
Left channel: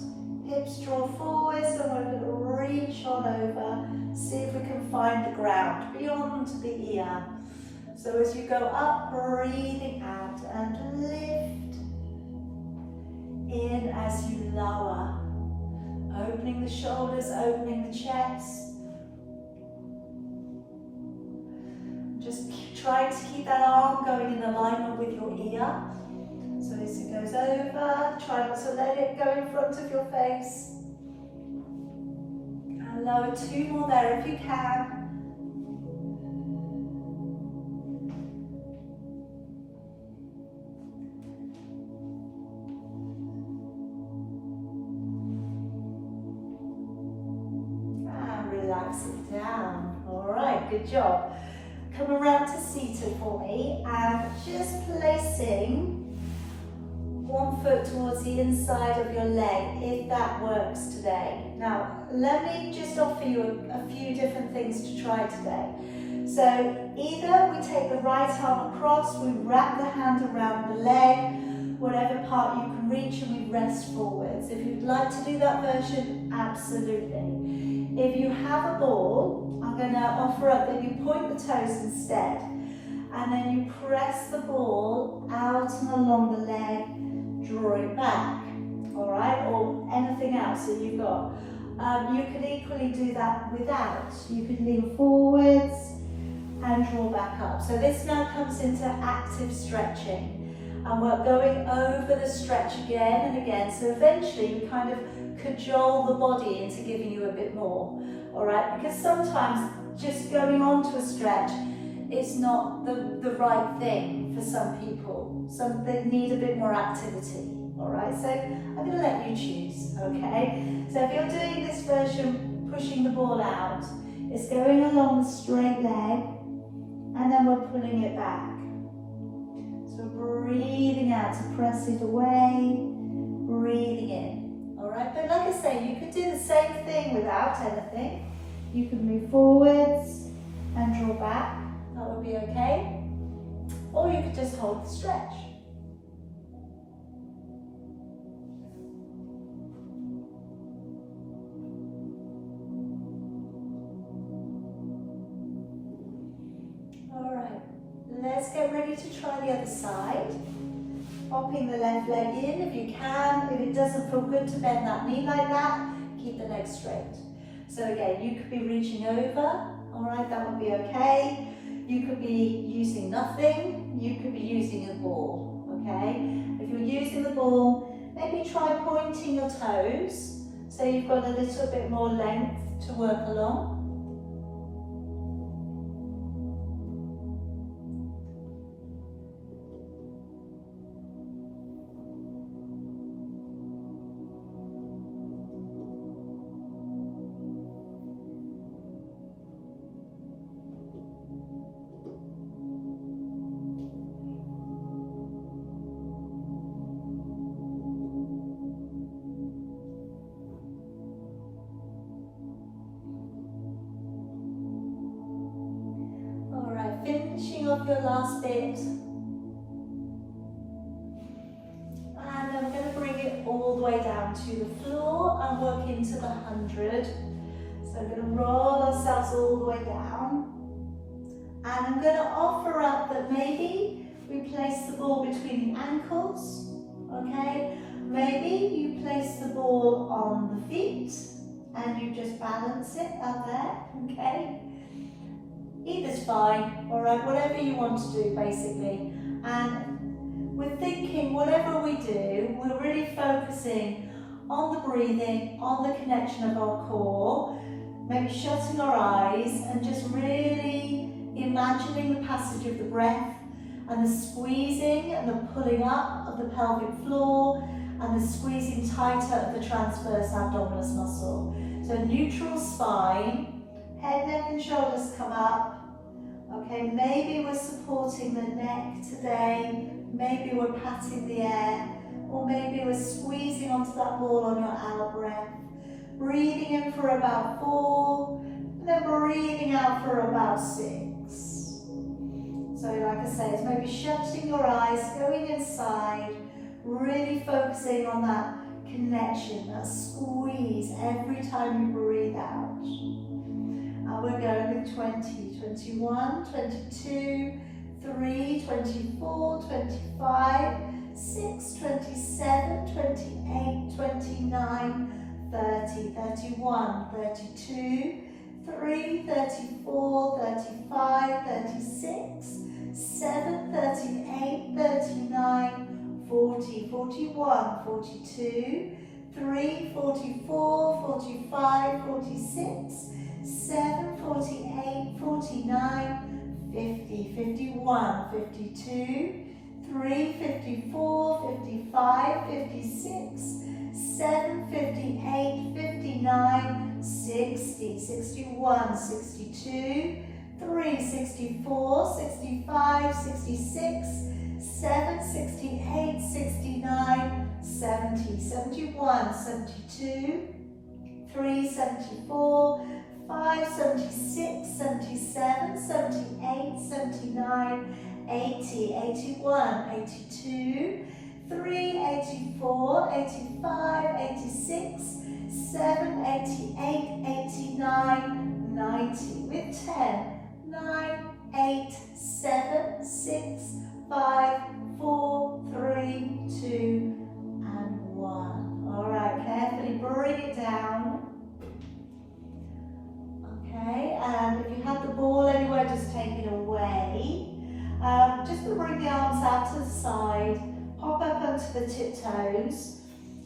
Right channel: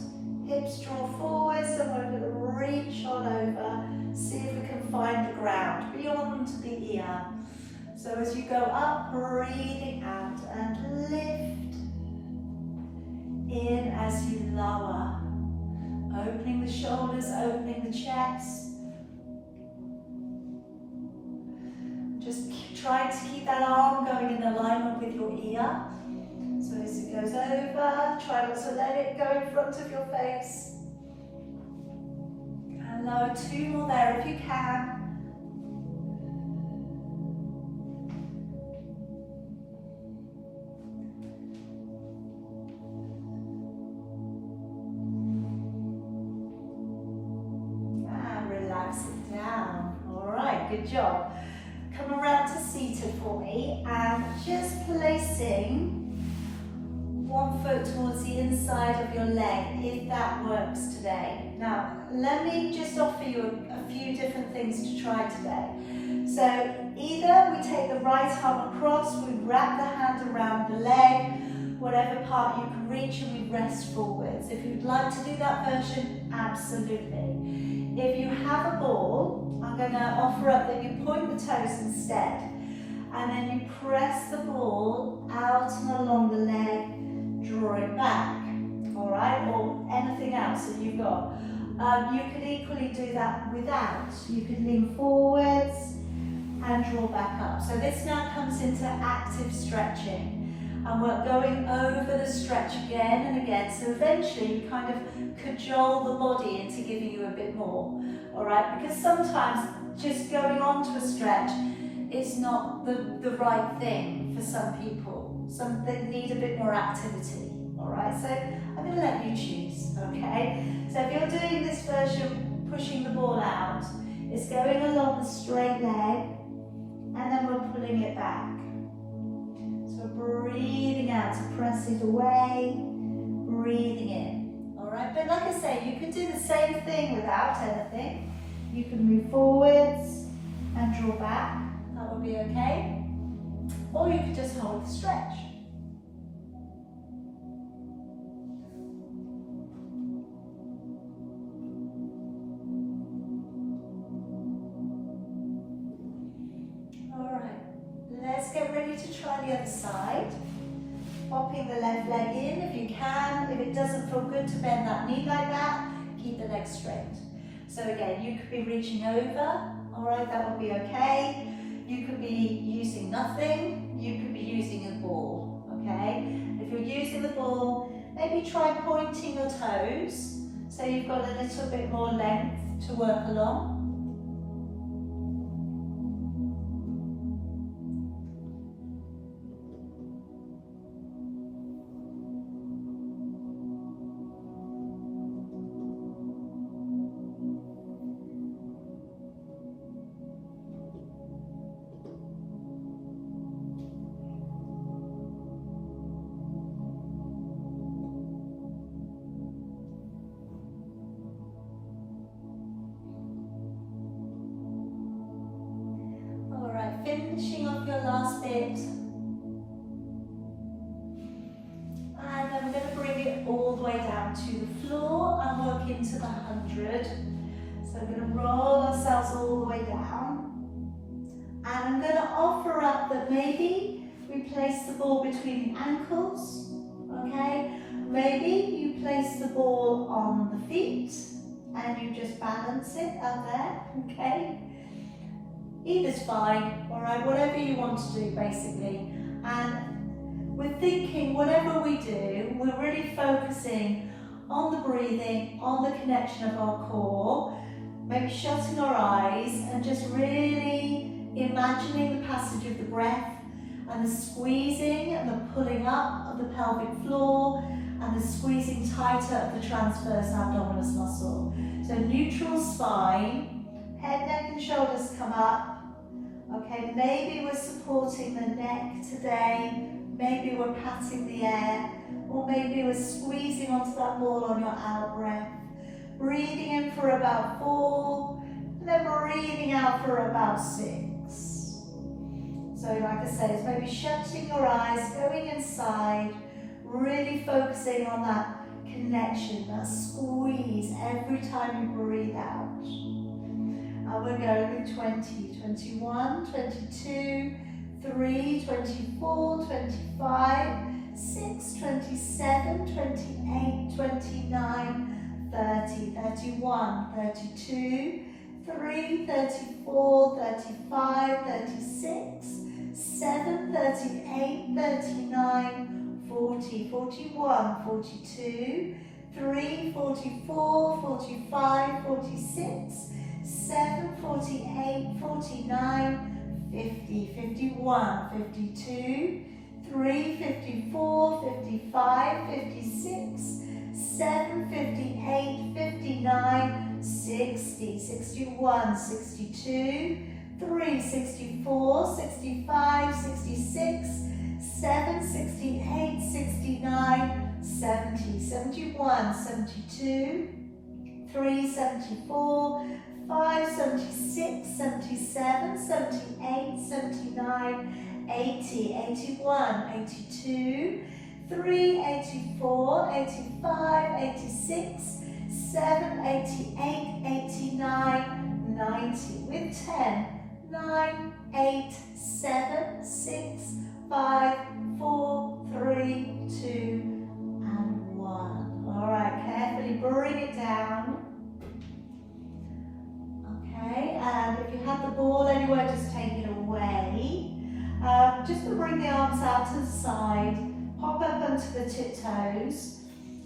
Hips draw forwards and we're going to reach on over. See if we can find the ground beyond the ear. So as you go up, breathing out and lift. In as you lower. Opening the shoulders, opening the chest. Just try to keep that arm going in alignment with your ear. So as it goes over, try not to let it go in front of your face. And lower, two more there if you can. And relax it down. Alright, good job. Come around to seated for me and just placing one foot towards the inside of your leg, if that works today. Now, let me just offer you a few different things to try today. So, either we take the right arm across, we wrap the hand around the leg, whatever part you can reach, and we rest forwards. If you'd like to do that version, absolutely. If you have a ball, I'm going to offer up that you point the toes instead, and then you press the ball out and along the leg, draw it back, alright, or anything else that you've got. You could equally do that without. You could lean forwards and draw back up. So this now comes into active stretching. And we're going over the stretch again and again. So eventually you kind of cajole the body into giving you a bit more, alright? Because sometimes just going on to a stretch is not the right thing for some people. Some that need a bit more activity, alright? So I'm going to let you choose, okay? So if you're doing this version, pushing the ball out, it's going along the straight leg, and then we're pulling it back. So breathing out to press it away, breathing in, alright? But like I say, you can do the same thing without anything. You can move forwards and draw back. That would be okay. Or you could just hold the stretch. Alright, let's get ready to try the other side. Popping the left leg in if you can. If it doesn't feel good to bend that knee like that, keep the leg straight. So again, you could be reaching over, alright, that would be okay. You could be using nothing, you could be using a ball, okay? If you're using the ball, maybe try pointing your toes so you've got a little bit more length to work along. Finishing off your last bit, and I'm going to bring it all the way down to the floor and work into the 100. So we're going to roll ourselves all the way down, and I'm going to offer up that maybe we place the ball between the ankles, okay? Maybe you place the ball on the feet and you just balance it up there, okay? Either's fine, alright, whatever you want to do basically. And we're thinking whatever we do, we're really focusing on the breathing, on the connection of our core, maybe shutting our eyes and just really imagining the passage of the breath and the squeezing and the pulling up of the pelvic floor and the squeezing tighter of the transverse abdominis muscle. So neutral spine. Head, neck and shoulders come up. Okay, maybe we're supporting the neck today, maybe we're patting the air, or maybe we're squeezing onto that ball on your out breath. Breathing in for about 4, and then breathing out for about 6. So like I say, it's maybe shutting your eyes, going inside, really focusing on that connection, that squeeze every time you breathe out. We're going with 20, 21, 22, 3, 24, 25, 6, 27, 28, 29, 30, 31, 32, 3, 34, 35, 36, 7, 38, 39, 40, 41, 42, 3, 44, 45, 46, 7, 48, 49, 50, 51, 52, 3, 54, 55, 56, 7, 58, 59, 60, 61, 62, 3, 64, 65, 66, 7, 68, 69, 70, 71, 72, 3, 74, 5, 76, 77, 78, 79, 80, 81, 82, 3, 84, 85, 86, 7, 88, 89, 90. With 10, 9, 8, 7, 6, 5, 4, 3, 2, and 1. Alright, carefully bring it down. Okay, and if you have the ball anywhere, just take it away. Just going to bring the arms out to the side, pop up onto the tiptoes,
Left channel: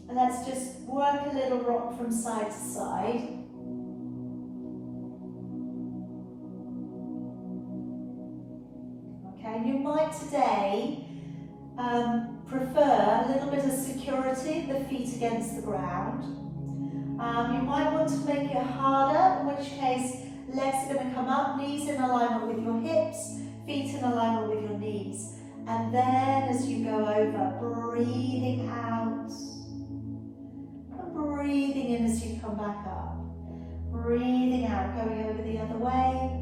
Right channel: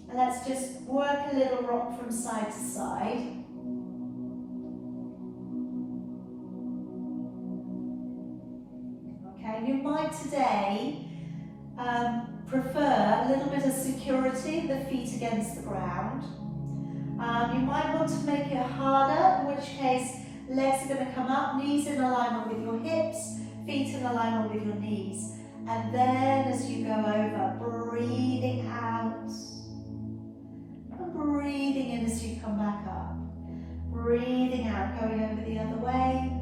and let's just work a little rock from side to side. Okay, you might today prefer a little bit of security, the feet against the ground. You might want to make it harder, in which case legs are going to come up, knees in alignment with your hips, feet in alignment with your knees. And then as you go over, breathing out and breathing in as you come back up. Breathing out, going over the other way.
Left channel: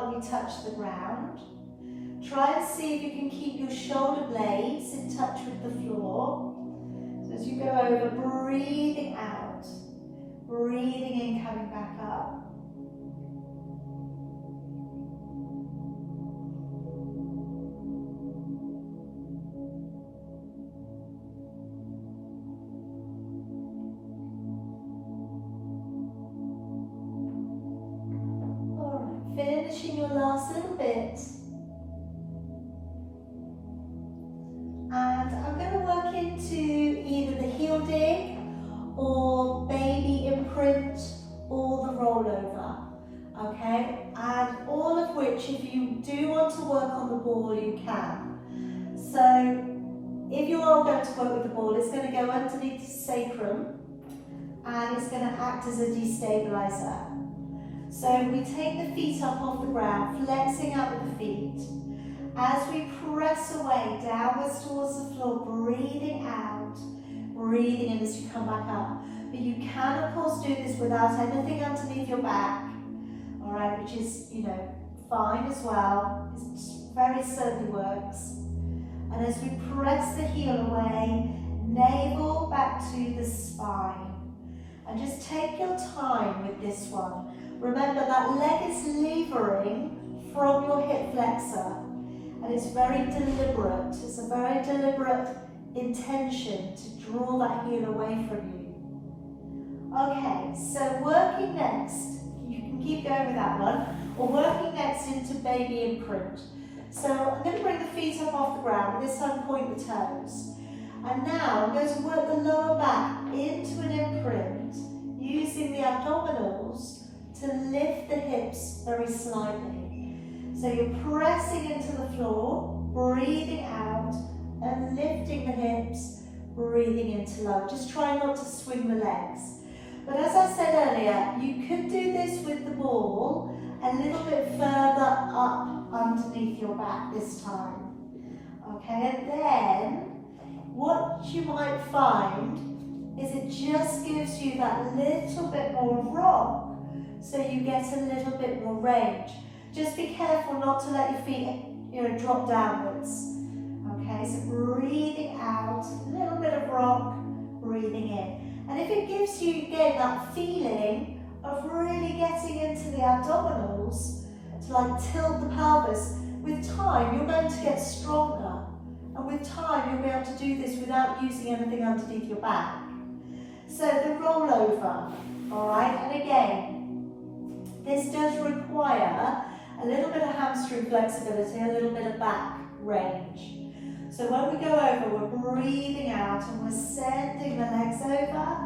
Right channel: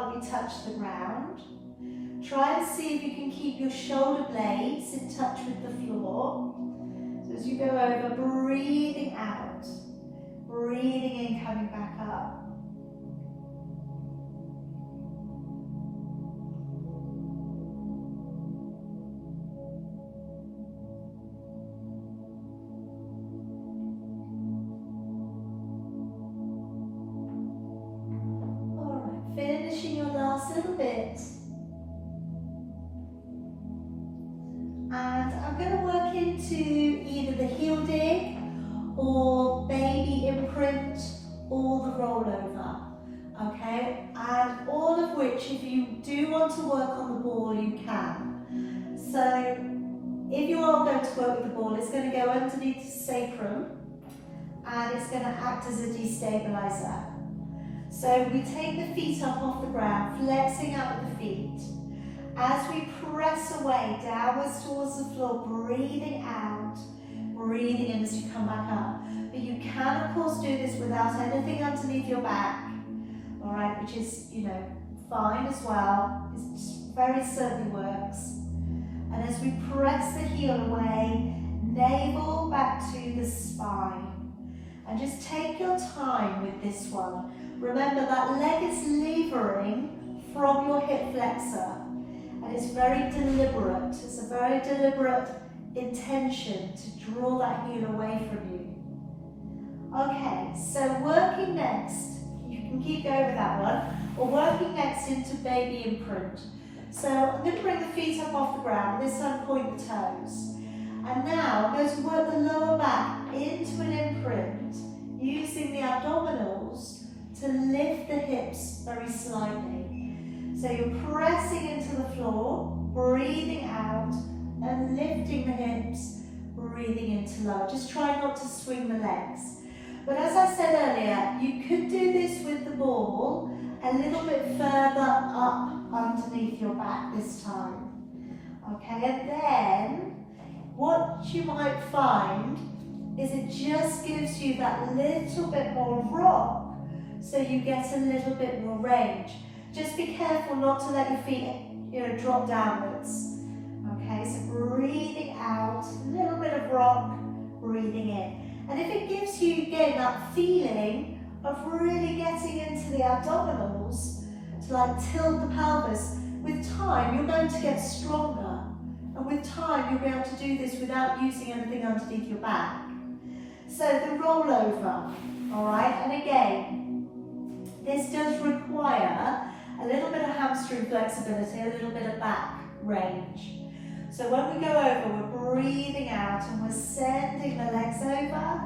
hardly touch the ground. Try and see if you can keep your shoulder blades in touch with the floor. So as you go over, breathing out, breathing in, coming back up. Finishing your last little bit. And I'm going to work into either the heel dig or baby imprint or the rollover. Okay? And all of which, if you do want to work on the ball, you can. So if you are going to work with the ball, it's going to go underneath the sacrum and it's going to act as a destabilizer. So we take the feet up off the ground, flexing out with the feet. As we press away downwards towards the floor, breathing out, breathing in as you come back up. But you can, of course, do this without anything underneath your back, all right, which is, fine as well. It very certainly works. And as we press the heel away, navel back to the spine. And just take your time with this one. Remember that leg is levering from your hip flexor, and it's very deliberate. It's a very deliberate intention to draw that heel away from you. Okay, so working next, you can keep going with that one, or working next into baby imprint. So I'm going to bring the feet up off the ground, this time point the toes. And now I'm going to work the lower back into an imprint, using the abdominals to lift the hips very slightly. So you're pressing into the floor, breathing out, and lifting the hips, breathing into low. Just try not to swing the legs. But as I said earlier, you could do this with the ball a little bit further up underneath your back this time. Okay, and then what you might find is it just gives you that little bit more rock, so you get a little bit more range. Just be careful not to let your feet drop downwards. Okay, so breathing out, a little bit of rock, breathing in. And if it gives you, again, that feeling of really getting into the abdominals, to like tilt the pelvis, with time you're going to get stronger. And with time you'll be able to do this without using anything underneath your back. So the rollover, all right, and again, this does require a little bit of hamstring flexibility, a little bit of back range. So when we go over, we're breathing out and we're sending the legs over,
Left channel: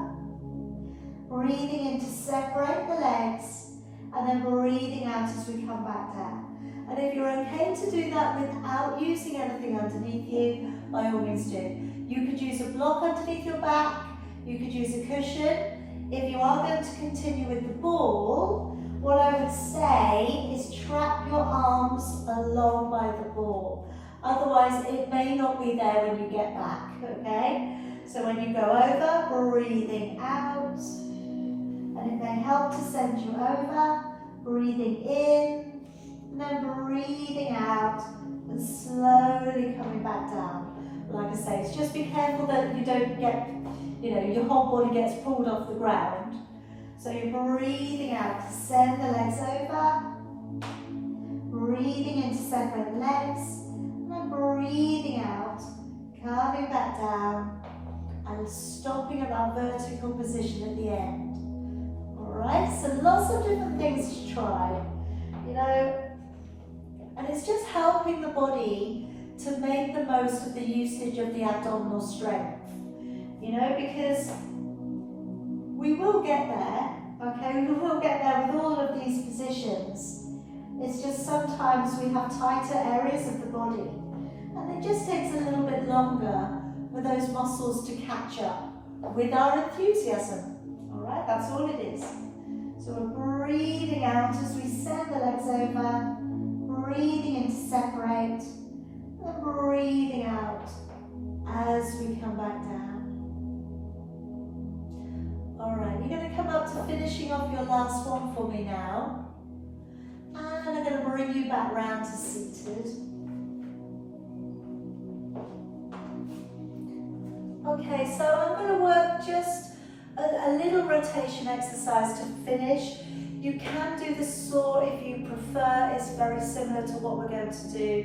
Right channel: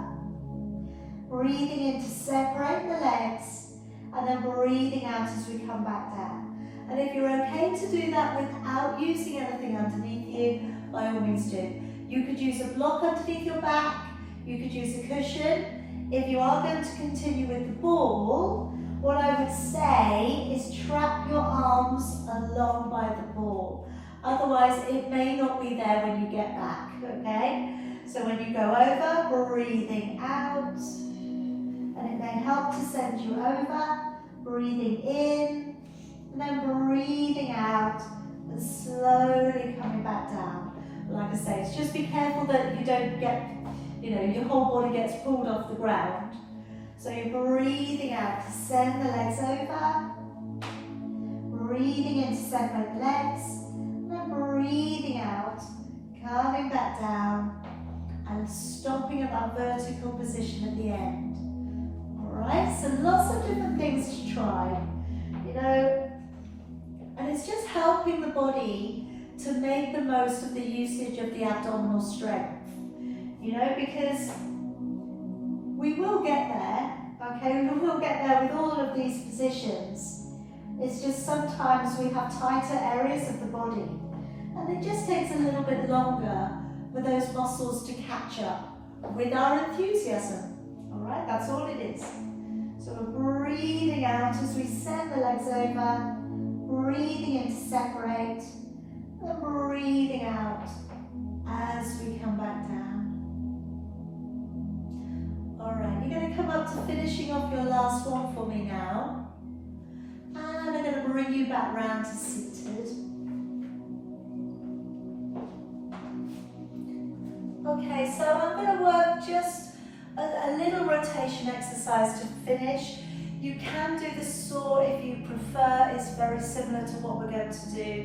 breathing in to separate the legs, and then breathing out as we come back down. And if you're okay to do that without using anything underneath you, by all means do. You could use a block underneath your back, you could use a cushion. If you are going to continue with the ball, what I would say is trap your arms along by the ball. Otherwise, it may not be there when you get back, okay? So when you go over, breathing out, and it may help to send you over, breathing in, and then breathing out, and slowly coming back down. Like I say, it's just be careful that you don't get, your whole body gets pulled off the ground. So you're breathing out to send the legs over, breathing in to separate the legs, and then breathing out, coming back down, and stopping at that vertical position at the end. Alright, so lots of different things to try, and it's just helping the body to make the most of the usage of the abdominal strength, because we will get there, okay? We will get there with all of these positions. It's just sometimes we have tighter areas of the body, and it just takes a little bit longer for those muscles to catch up with our enthusiasm. All right, that's all it is. So we're breathing out as we send the legs over, breathing in to separate, and breathing out as we come back down. Alright, you're going to come up to finishing off your last one for me now. And I'm going to bring bring you back round to seated. Okay, so I'm going to work just a little rotation exercise to finish. You can do the saw if you prefer. It's very similar to what we're going to do.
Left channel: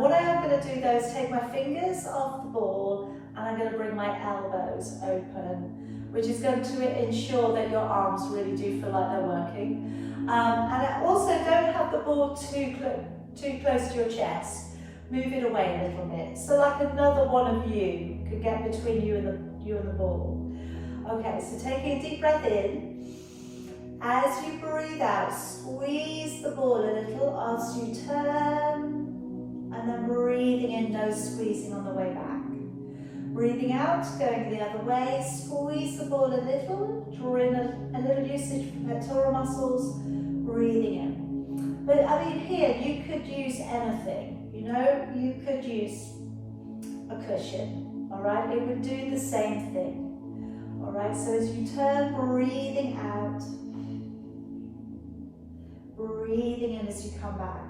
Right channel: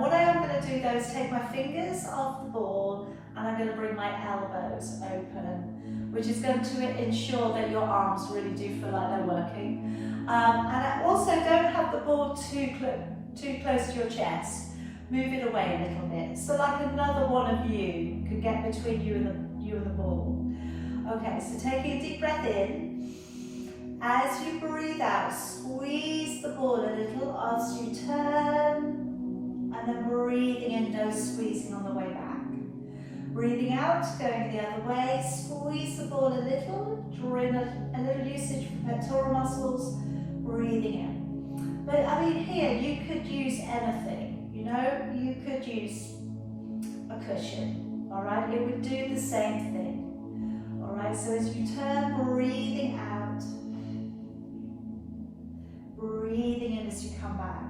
What I am going to do though is take my fingers off the ball and I'm going to bring my elbows open, which is going to ensure that your arms really do feel like they're working. And I also don't have the ball too close to your chest. Move it away a little bit. So like another one of you could get between you and the ball. Okay, so taking a deep breath in. As you breathe out, squeeze the ball a little as you turn, and then breathing in, no squeezing on the way back. Breathing out, going the other way, squeeze the ball a little, draw in a little usage from pectoral muscles, breathing in. But I mean here, you could use anything, you know, you could use a cushion, all right? It would do the same thing, all right? So as you turn, breathing out, breathing in as you come back.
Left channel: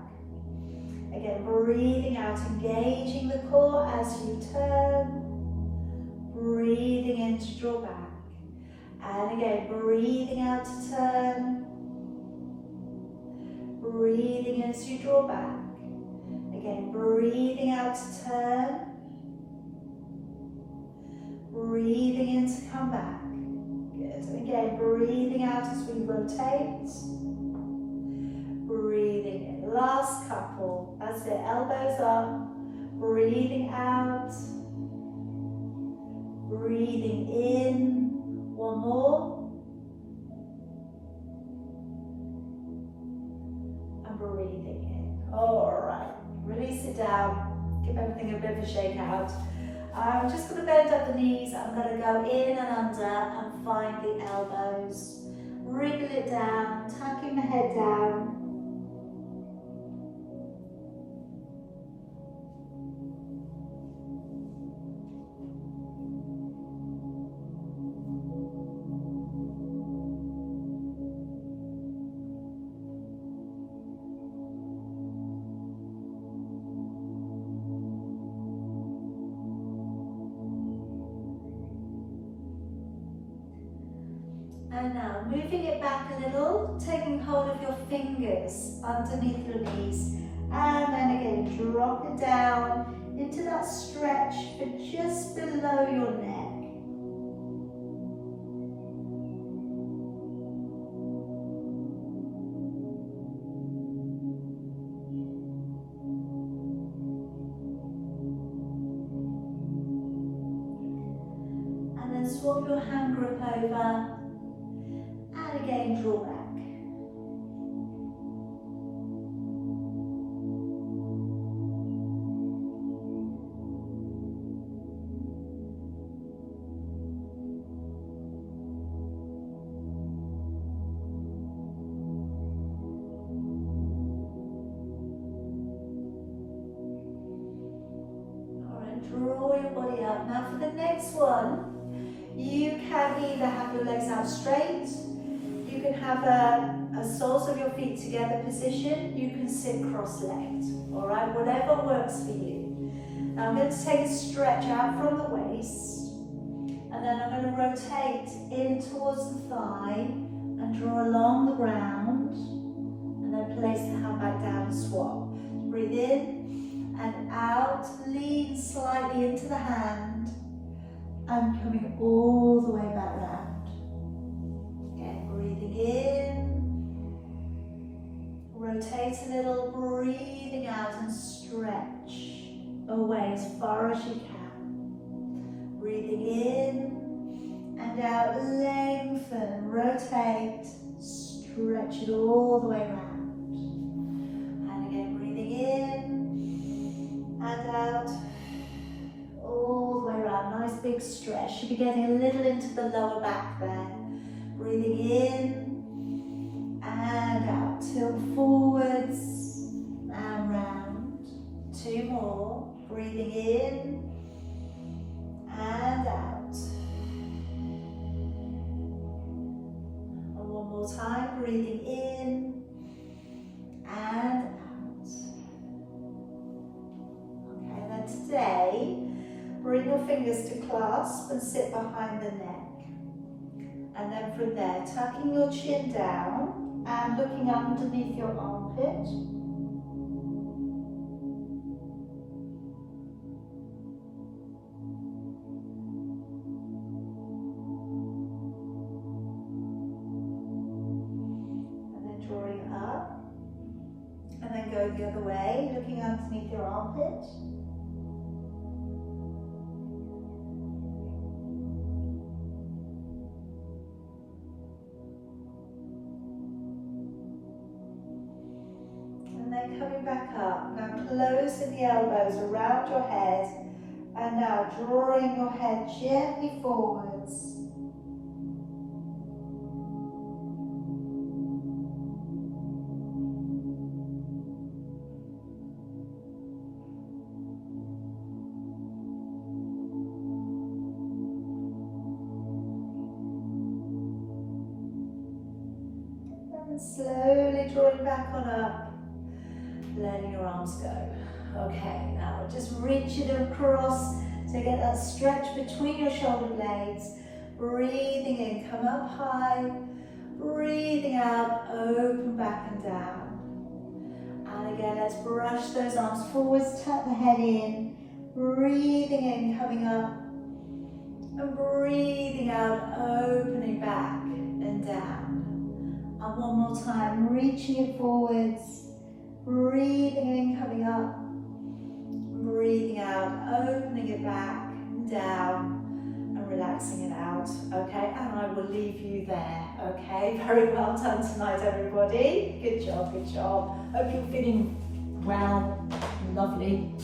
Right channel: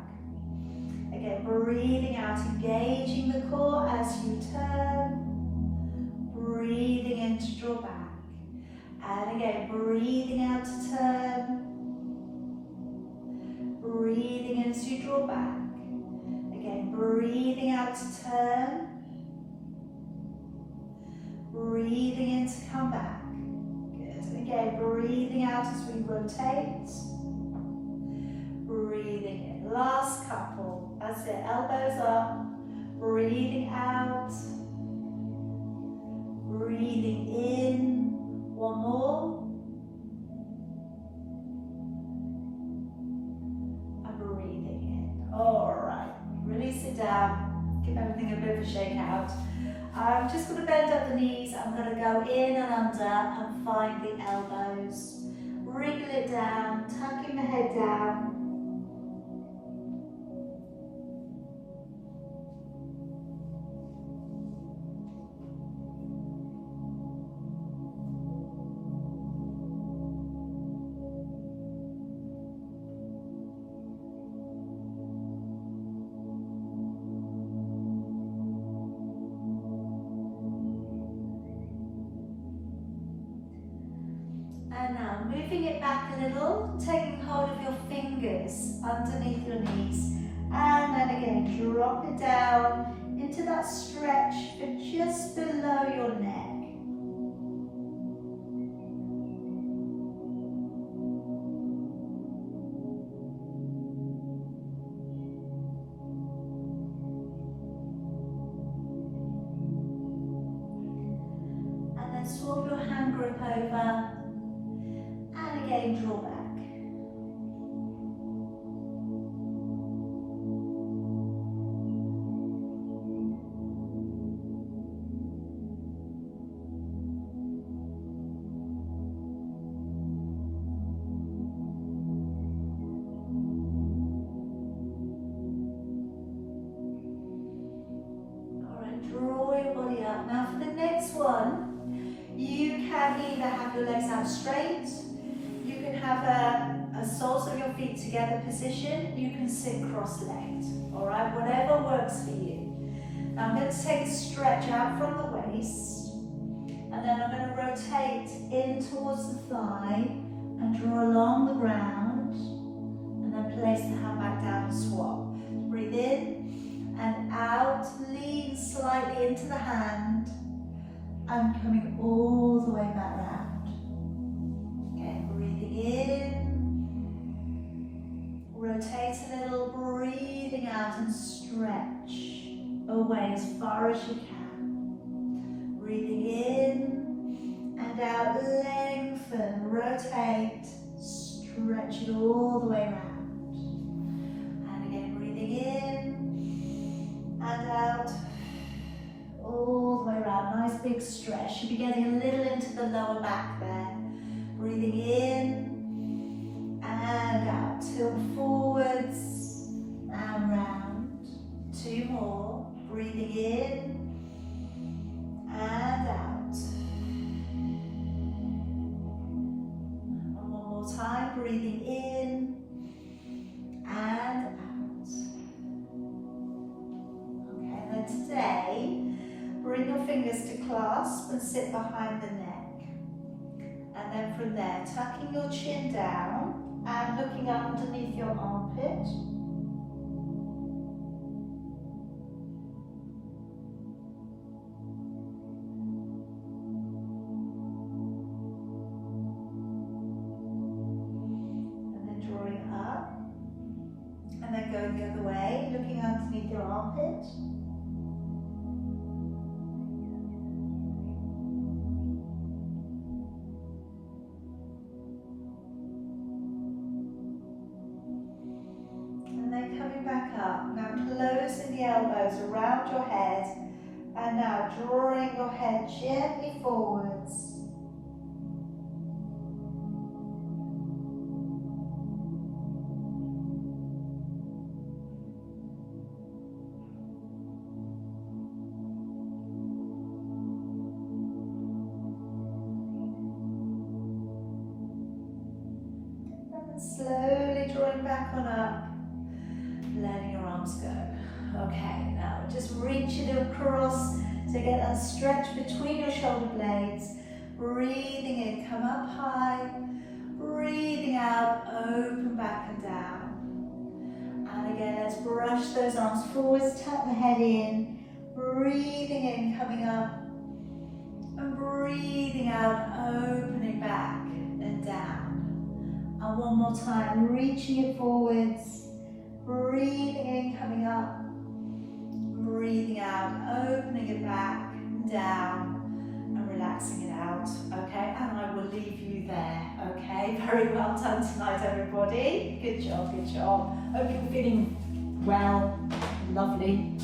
Again, breathing out, engaging the core as you turn. Breathing in to draw back. And again, breathing out to turn. Breathing in as you draw back. Again, breathing out to turn. Breathing in to come back. Good. And again, breathing out as we rotate. Breathing in, last couple, that's it, elbows up, breathing out, breathing in, one more, and breathing in. All right, release it down, give everything a bit of a shake out. I'm just going to bend up the knees, I'm going to go in and under and find the elbows, wriggle it down, tucking the head down. And now moving it back a little, taking hold of your fingers underneath your knees, and then again drop it down into that stretch for just below your neck. And then swap your hand grip over. And again, draw back. All right, draw your body up. Now for the next one, you can either have your legs out straight, you can have a soles of your feet together position, you can sit cross-legged, all right, whatever works for you. Now I'm going to take a stretch out from the waist, and then I'm going to rotate in towards the thigh and draw along the ground, and then place the hand back down and swap. Breathe in and out, lean slightly into the hand, and coming all the way back round. Again, breathing in, rotate a little, breathing out and stretch away as far as you can. Breathing in and out, lengthen, rotate, stretch it all the way around. And again, breathing in and out, all the way around. Nice big stretch. Should be getting a little into the lower back there. Breathing in and out. Tilt forwards and round. Two more. Breathing in and out. And one more time. Breathing in and out. bring your fingers to clasp and sit behind the neck. And then from there, tucking your chin down and looking underneath your armpit. And then go the other way, looking underneath your armpit. And then coming back up. Now closing the elbows around your head. And now drawing your head gently forwards. Slowly drawing back on up, letting your arms go. Okay, now we're just reaching across to get that stretch between your shoulder blades. Breathing in, come up high. Breathing out, open back and down. And again, let's brush those arms forwards, tuck the head in. Breathing in, coming up. And breathing out, opening back and down. And one more time, reaching it forwards, breathing in, coming up, breathing out, opening it back, down, and relaxing it out, okay? And I will leave you there, okay? Very well done tonight, everybody. Good job, good job. Hope you're feeling well, lovely.